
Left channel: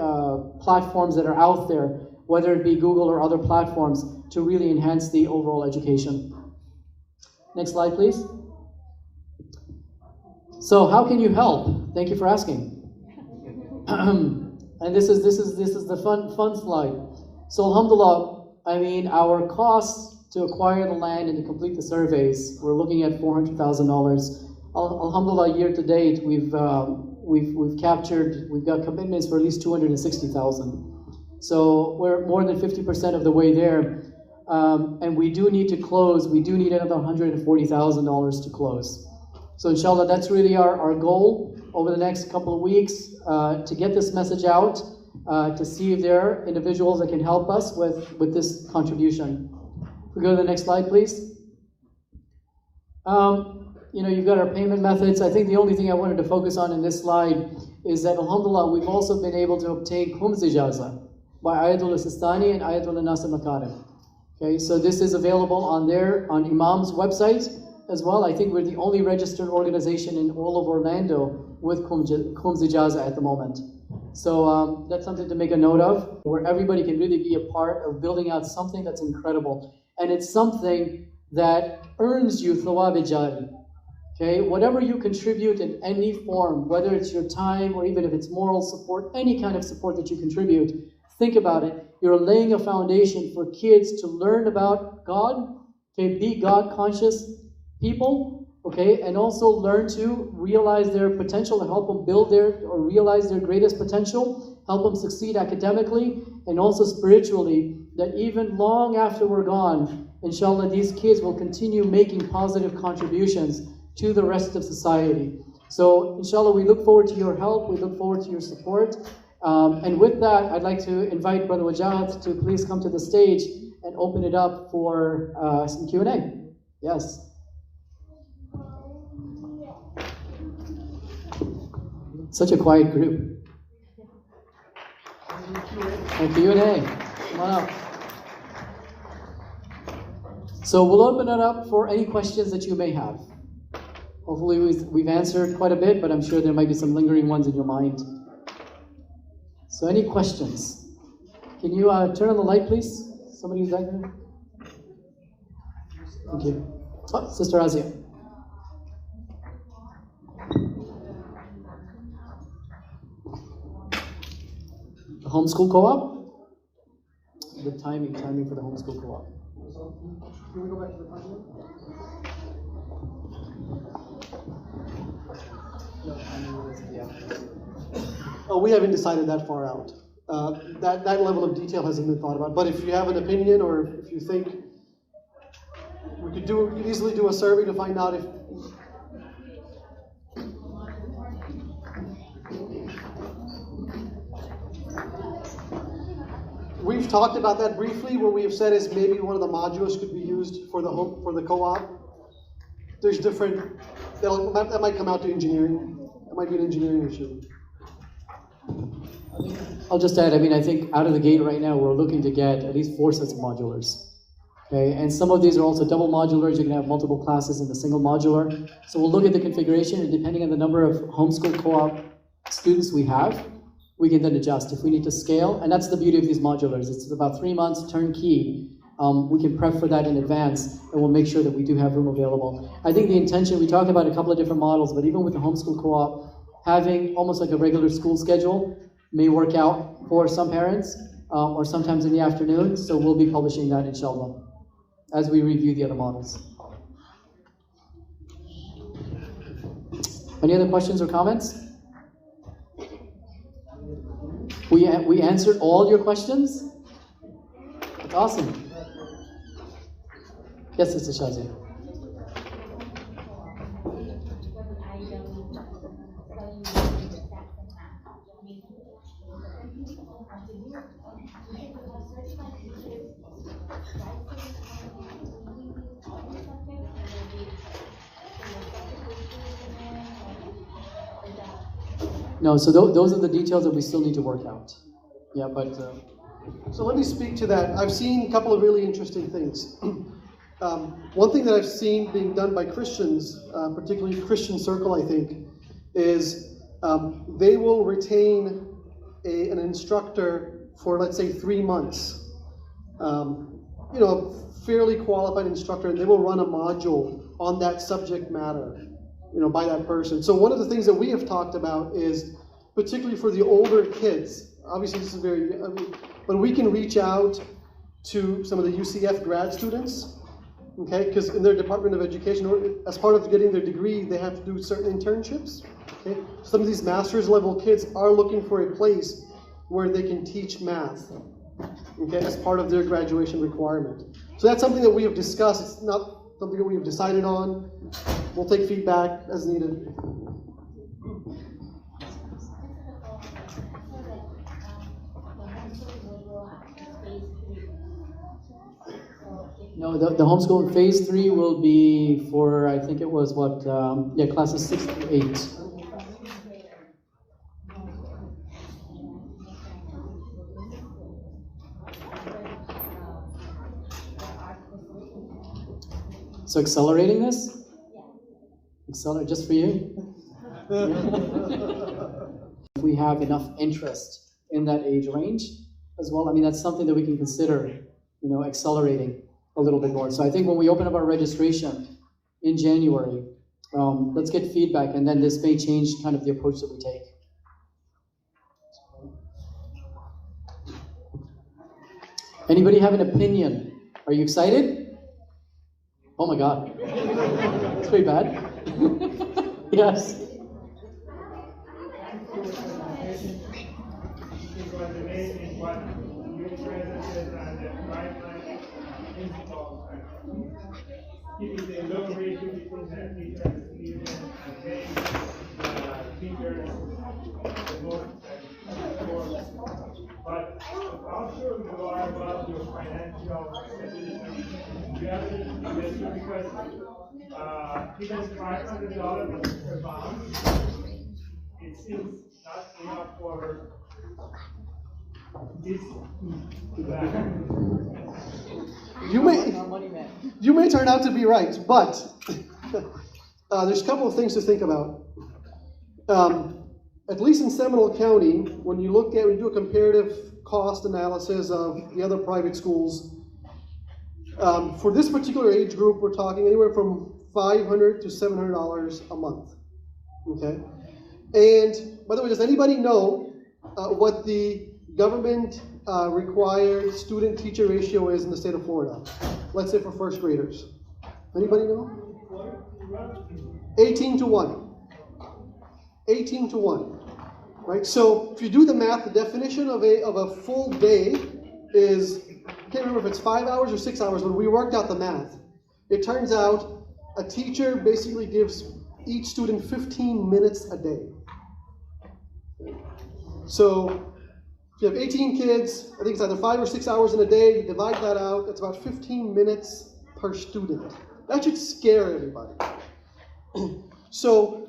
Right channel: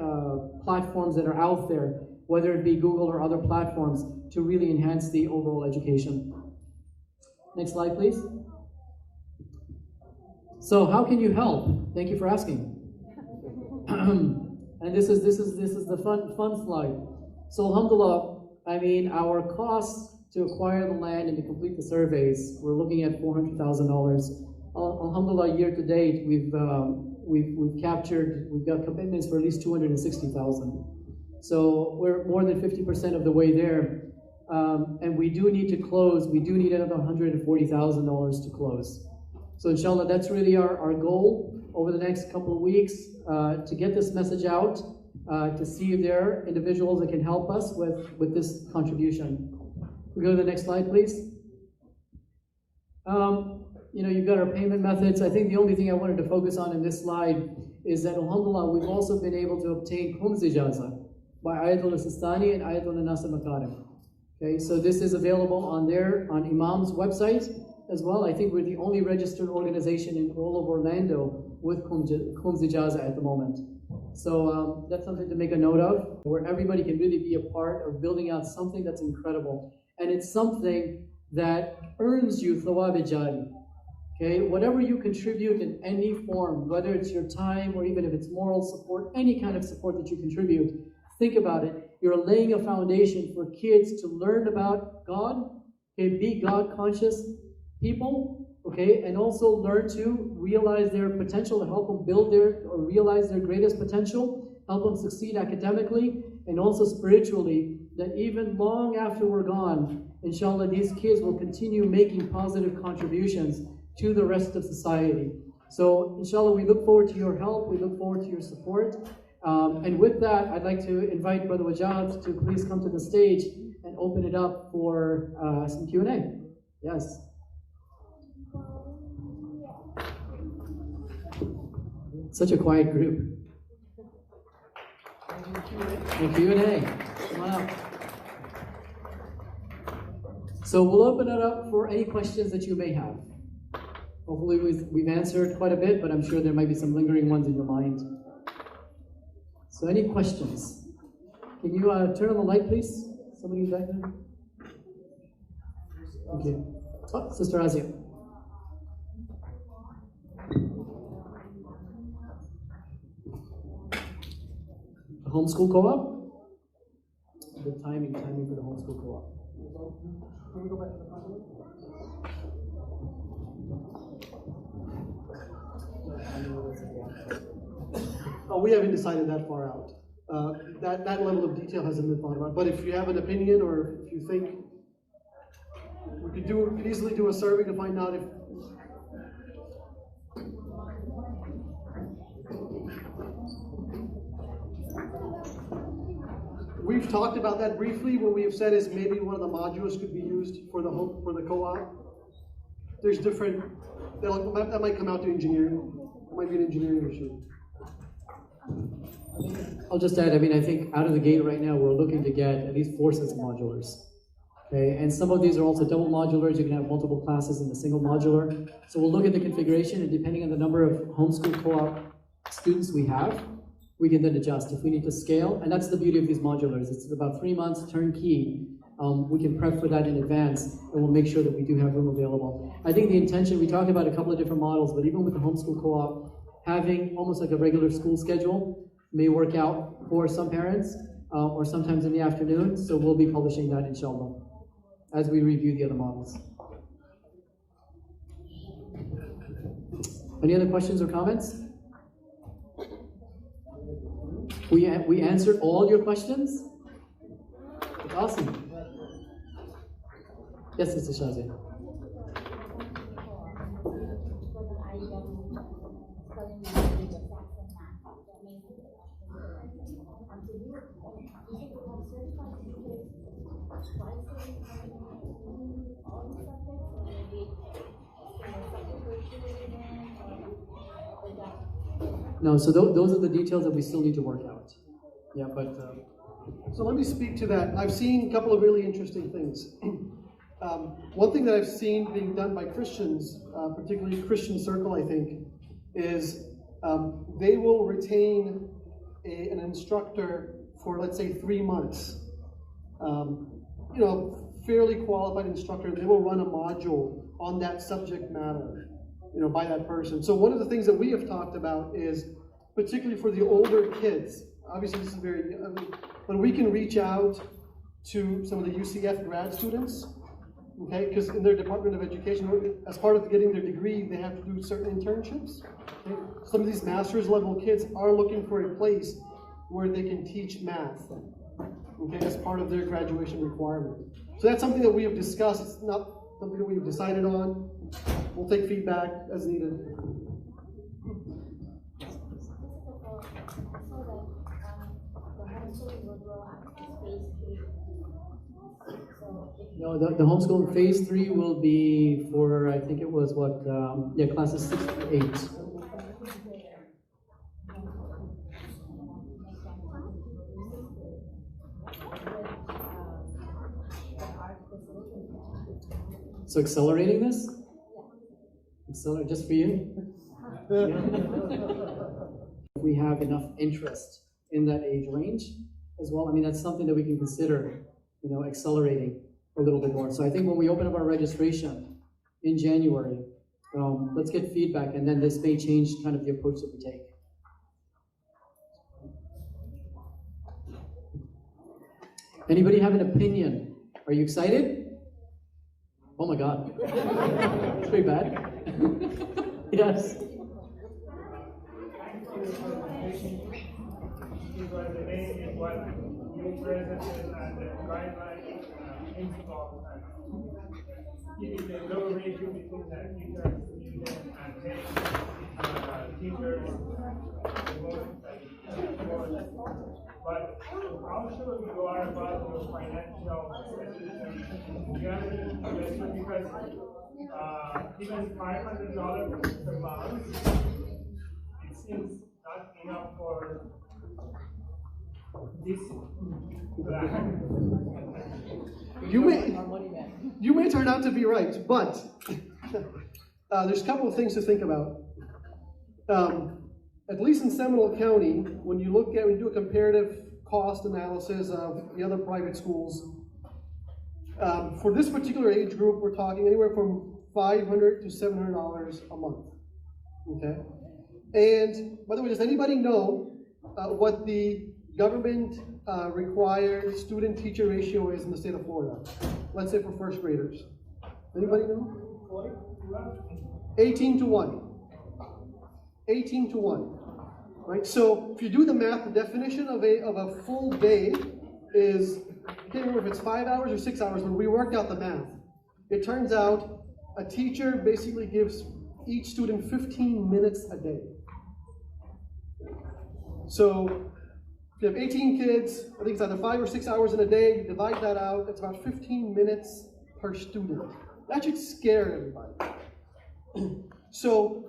platforms that are out there, whether it be Google or other platforms, to really enhance the overall education. Next slide, please. So how can you help? Thank you for asking. And this is the fun slide. So alhamdulillah, I mean, our costs to acquire the land and to complete the surveys. We're looking at $400,000. Alhamdulillah, year to date, we've got commitments for at least 260,000. So we're more than 50% of the way there. And we do need to close. We do need another $140,000 to close. So inshallah, that's really our goal over the next couple of weeks, to get this message out, to see if there are individuals that can help us with this contribution. If we go to the next slide, please. You've got our payment methods. I think the only thing I wanted to focus on in this slide is that, alhamdulillah, we've also been able to obtain Khums Ijaza by Ayatul Sistani and Ayatul Nasr Makarim. Okay, so this is available on Imam's website as well. I think we're the only registered organization in all of Orlando with Khums Ijaza at the moment. So that's something to make a note of, where everybody can really be a part of building out something that's incredible. And it's something that earns you thawab jari. Okay, whatever you contribute in any form, whether it's your time or even if it's moral support, any kind of support that you contribute, think about it. You're laying a foundation for kids to learn about God, okay, be God-conscious people, okay, and also learn to realize their potential, to help them realize their greatest potential, help them succeed academically, and also spiritually, that even long after we're gone, inshallah, these kids will continue making positive contributions to the rest of society. So, inshallah, we look forward to your help, we look forward to your support. And with that, I'd like to invite Brother Wajahat to please come to the stage and open it up for some Q&A. Yes. Such a quiet group. Q&A. Come on up. So we'll open it up for any questions that you may have. Hopefully we've answered quite a bit, but I'm sure there might be some lingering ones in your mind. So any questions? Can you turn on the light, please? Somebody who's back there? Thank you. Oh, Sister Azia. The homeschool co-op? The timing for the homeschool co-op. Can we go back to the front one? Oh, we haven't decided that far out. That level of detail hasn't been thought about. But if you have an opinion, or if you think we could easily do a survey to find out if. We've talked about that briefly. What we have said is maybe one of the modules could be used for the co-op. There's different. That might come out to engineering. That might be an engineering issue. I'll just add, I think out of the gate right now, we're looking to get at least 4 sets of modulars. Okay, and some of these are also double modulars. You can have multiple classes in the single modular. So we'll look at the configuration, and depending on the number of homeschool co-op students we have, we can then adjust if we need to scale. And that's the beauty of these modulars. It's about 3 months turnkey. We can prep for that in advance, and we'll make sure that we do have room available. I think the intention, we talked about a couple of different models, but even with the homeschool co-op, having almost like a regular school schedule may work out for some parents, or sometimes in the afternoon. So we'll be publishing that, inshallah, as we review the other models. Any other questions or comments? We answered all your questions? That's awesome. Yes, Sister Shazia. No, so those are the details that we still need to work out. Yeah, but... So let me speak to that. I've seen a couple of really interesting things. One thing that I've seen being done by Christians, particularly Christian Circle, I think, is they will retain an instructor for, let's say, 3 months. A fairly qualified instructor, and they will run a module on that subject matter, by that person. So one of the things that we have talked about is, particularly for the older kids, obviously this is but we can reach out to some of the UCF grad students Okay, because in their Department of Education, as part of getting their degree, they have to do certain internships. Okay, some of these master's level kids are looking for a place where they can teach math. Okay, as part of their graduation requirement. So that's something that we have discussed. It's not something that we have decided on. We'll take feedback as needed. No, the homeschool in phase 3 will be for, I think it was what, classes 6 to 8. So accelerating this? Accelerate just for you? If we have enough interest in that age range as well, I mean, that's something that we can consider, accelerating a little bit more. So I think when we open up our registration in January, let's get feedback, and then this may change kind of the approach that we take. Anybody have an opinion? Are you excited? Oh my God. It's pretty bad. Yes. Keeping the low ratio between the teacher and student and paying teachers the most but how sure you are about your financial stability? You have to investor because even $500 per month, it seems not enough for this You may turn out to be right, but there's a couple of things to think about. At least in Seminole County, when you do a comparative cost analysis of the other private schools, for this particular age group, we're talking anywhere from $500 to $700 a month. Okay, and by the way, does anybody know what the government required student-teacher ratio is in the state of Florida? Let's say for first graders. Anybody know? 18 to 1. 18 to 1. Right? So if you do the math, the definition of a full day is, I can't remember if it's 5 hours or 6 hours, but we worked out the math. It turns out a teacher basically gives each student 15 minutes a day. So if you have 18 kids, I think it's either 5 or 6 hours in a day, you divide that out, it's about 15 minutes per student. That should scare everybody. So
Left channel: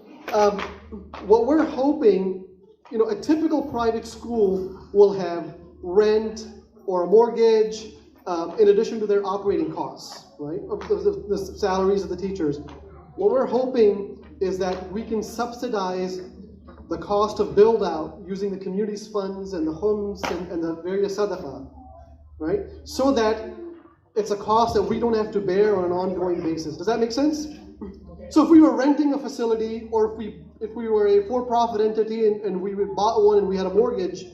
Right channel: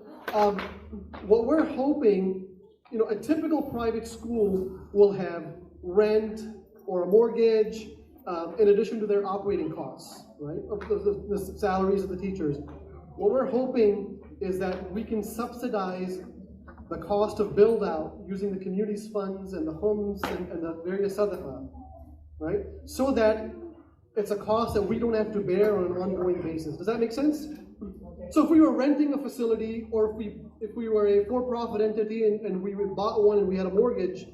what we're hoping, a typical private school will have rent or a mortgage in addition to their operating costs, right? The salaries of the teachers. What we're hoping is that we can subsidize the cost of build out using the community's funds and the homes and the various sadaqah, right? So that it's a cost that we don't have to bear on an ongoing basis. Does that make sense? So if we were renting a facility, or if we were a for-profit entity and we bought one and we had a mortgage,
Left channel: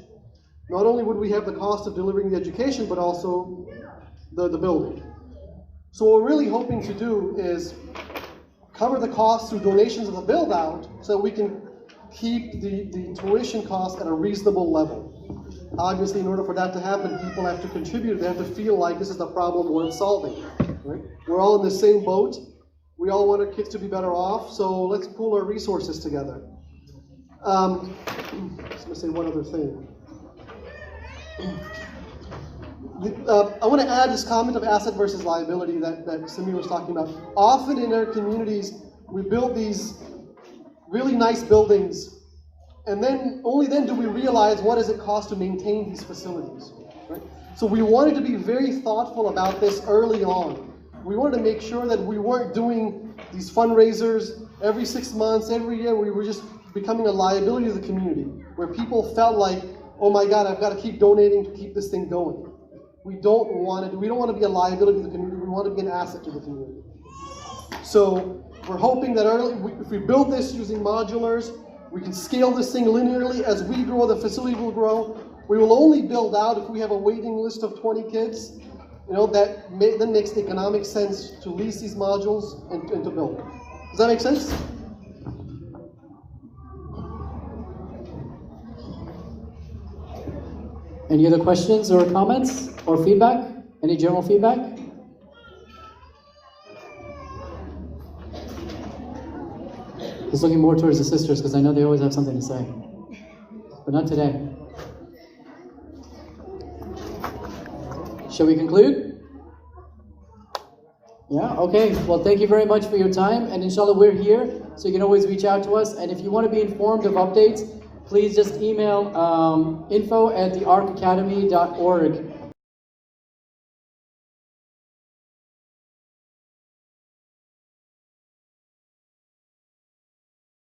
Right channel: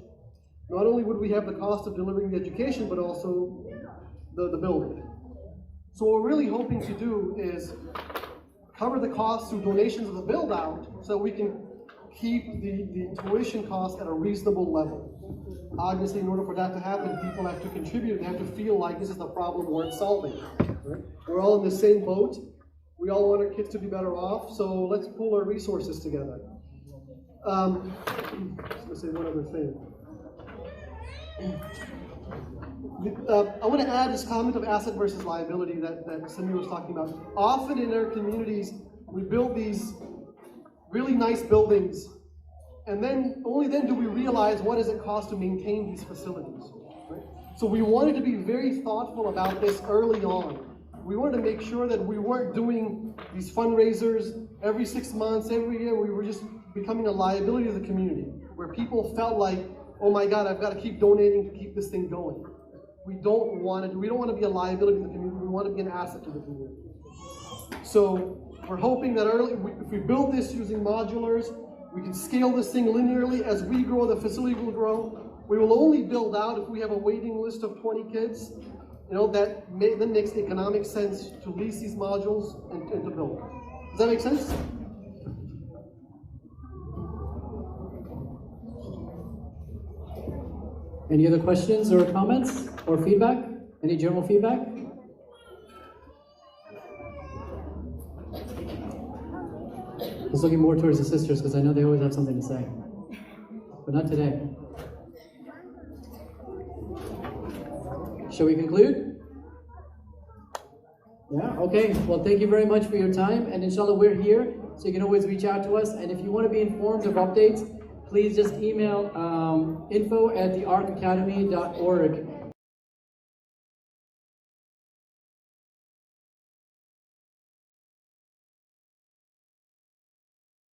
not only would we have the cost of delivering the education, but also the building. So what we're really hoping to do is cover the costs through donations of the build out so that we can keep the tuition costs at a reasonable level. Obviously, in order for that to happen, people have to contribute. They have to feel like this is the problem worth solving. Right? We're all in the same boat. We all want our kids to be better off, so let's pool our resources together. I was going to say one other thing. I want to add this comment of asset versus liability that Samir was talking about. Often in our communities, we build these really nice buildings, and then only then do we realize what does it cost to maintain these facilities. Right? So we wanted to be very thoughtful about this early on. We wanted to make sure that we weren't doing these fundraisers every 6 months, every year. We were just becoming a liability to the community, where people felt like, oh my God, I've got to keep donating to keep this thing going. We don't want to be a liability to the community. We want to be an asset to the community. So we're hoping that if we build this using modulars, we can scale this thing linearly. As we grow, the facility will grow. We will only build out if we have a waiting list of 20 kids. then makes economic sense to lease these modules and to build. Does that make sense? Any other questions or comments or feedback? Any general feedback? Just looking more towards the sisters because I know they always have something to say. But not today. Shall we conclude? Yeah, okay. Well, thank you very much for your time. And inshallah, we're here, so you can always reach out to us. And if you want to be informed of updates, please just email info@thearkacademy.org.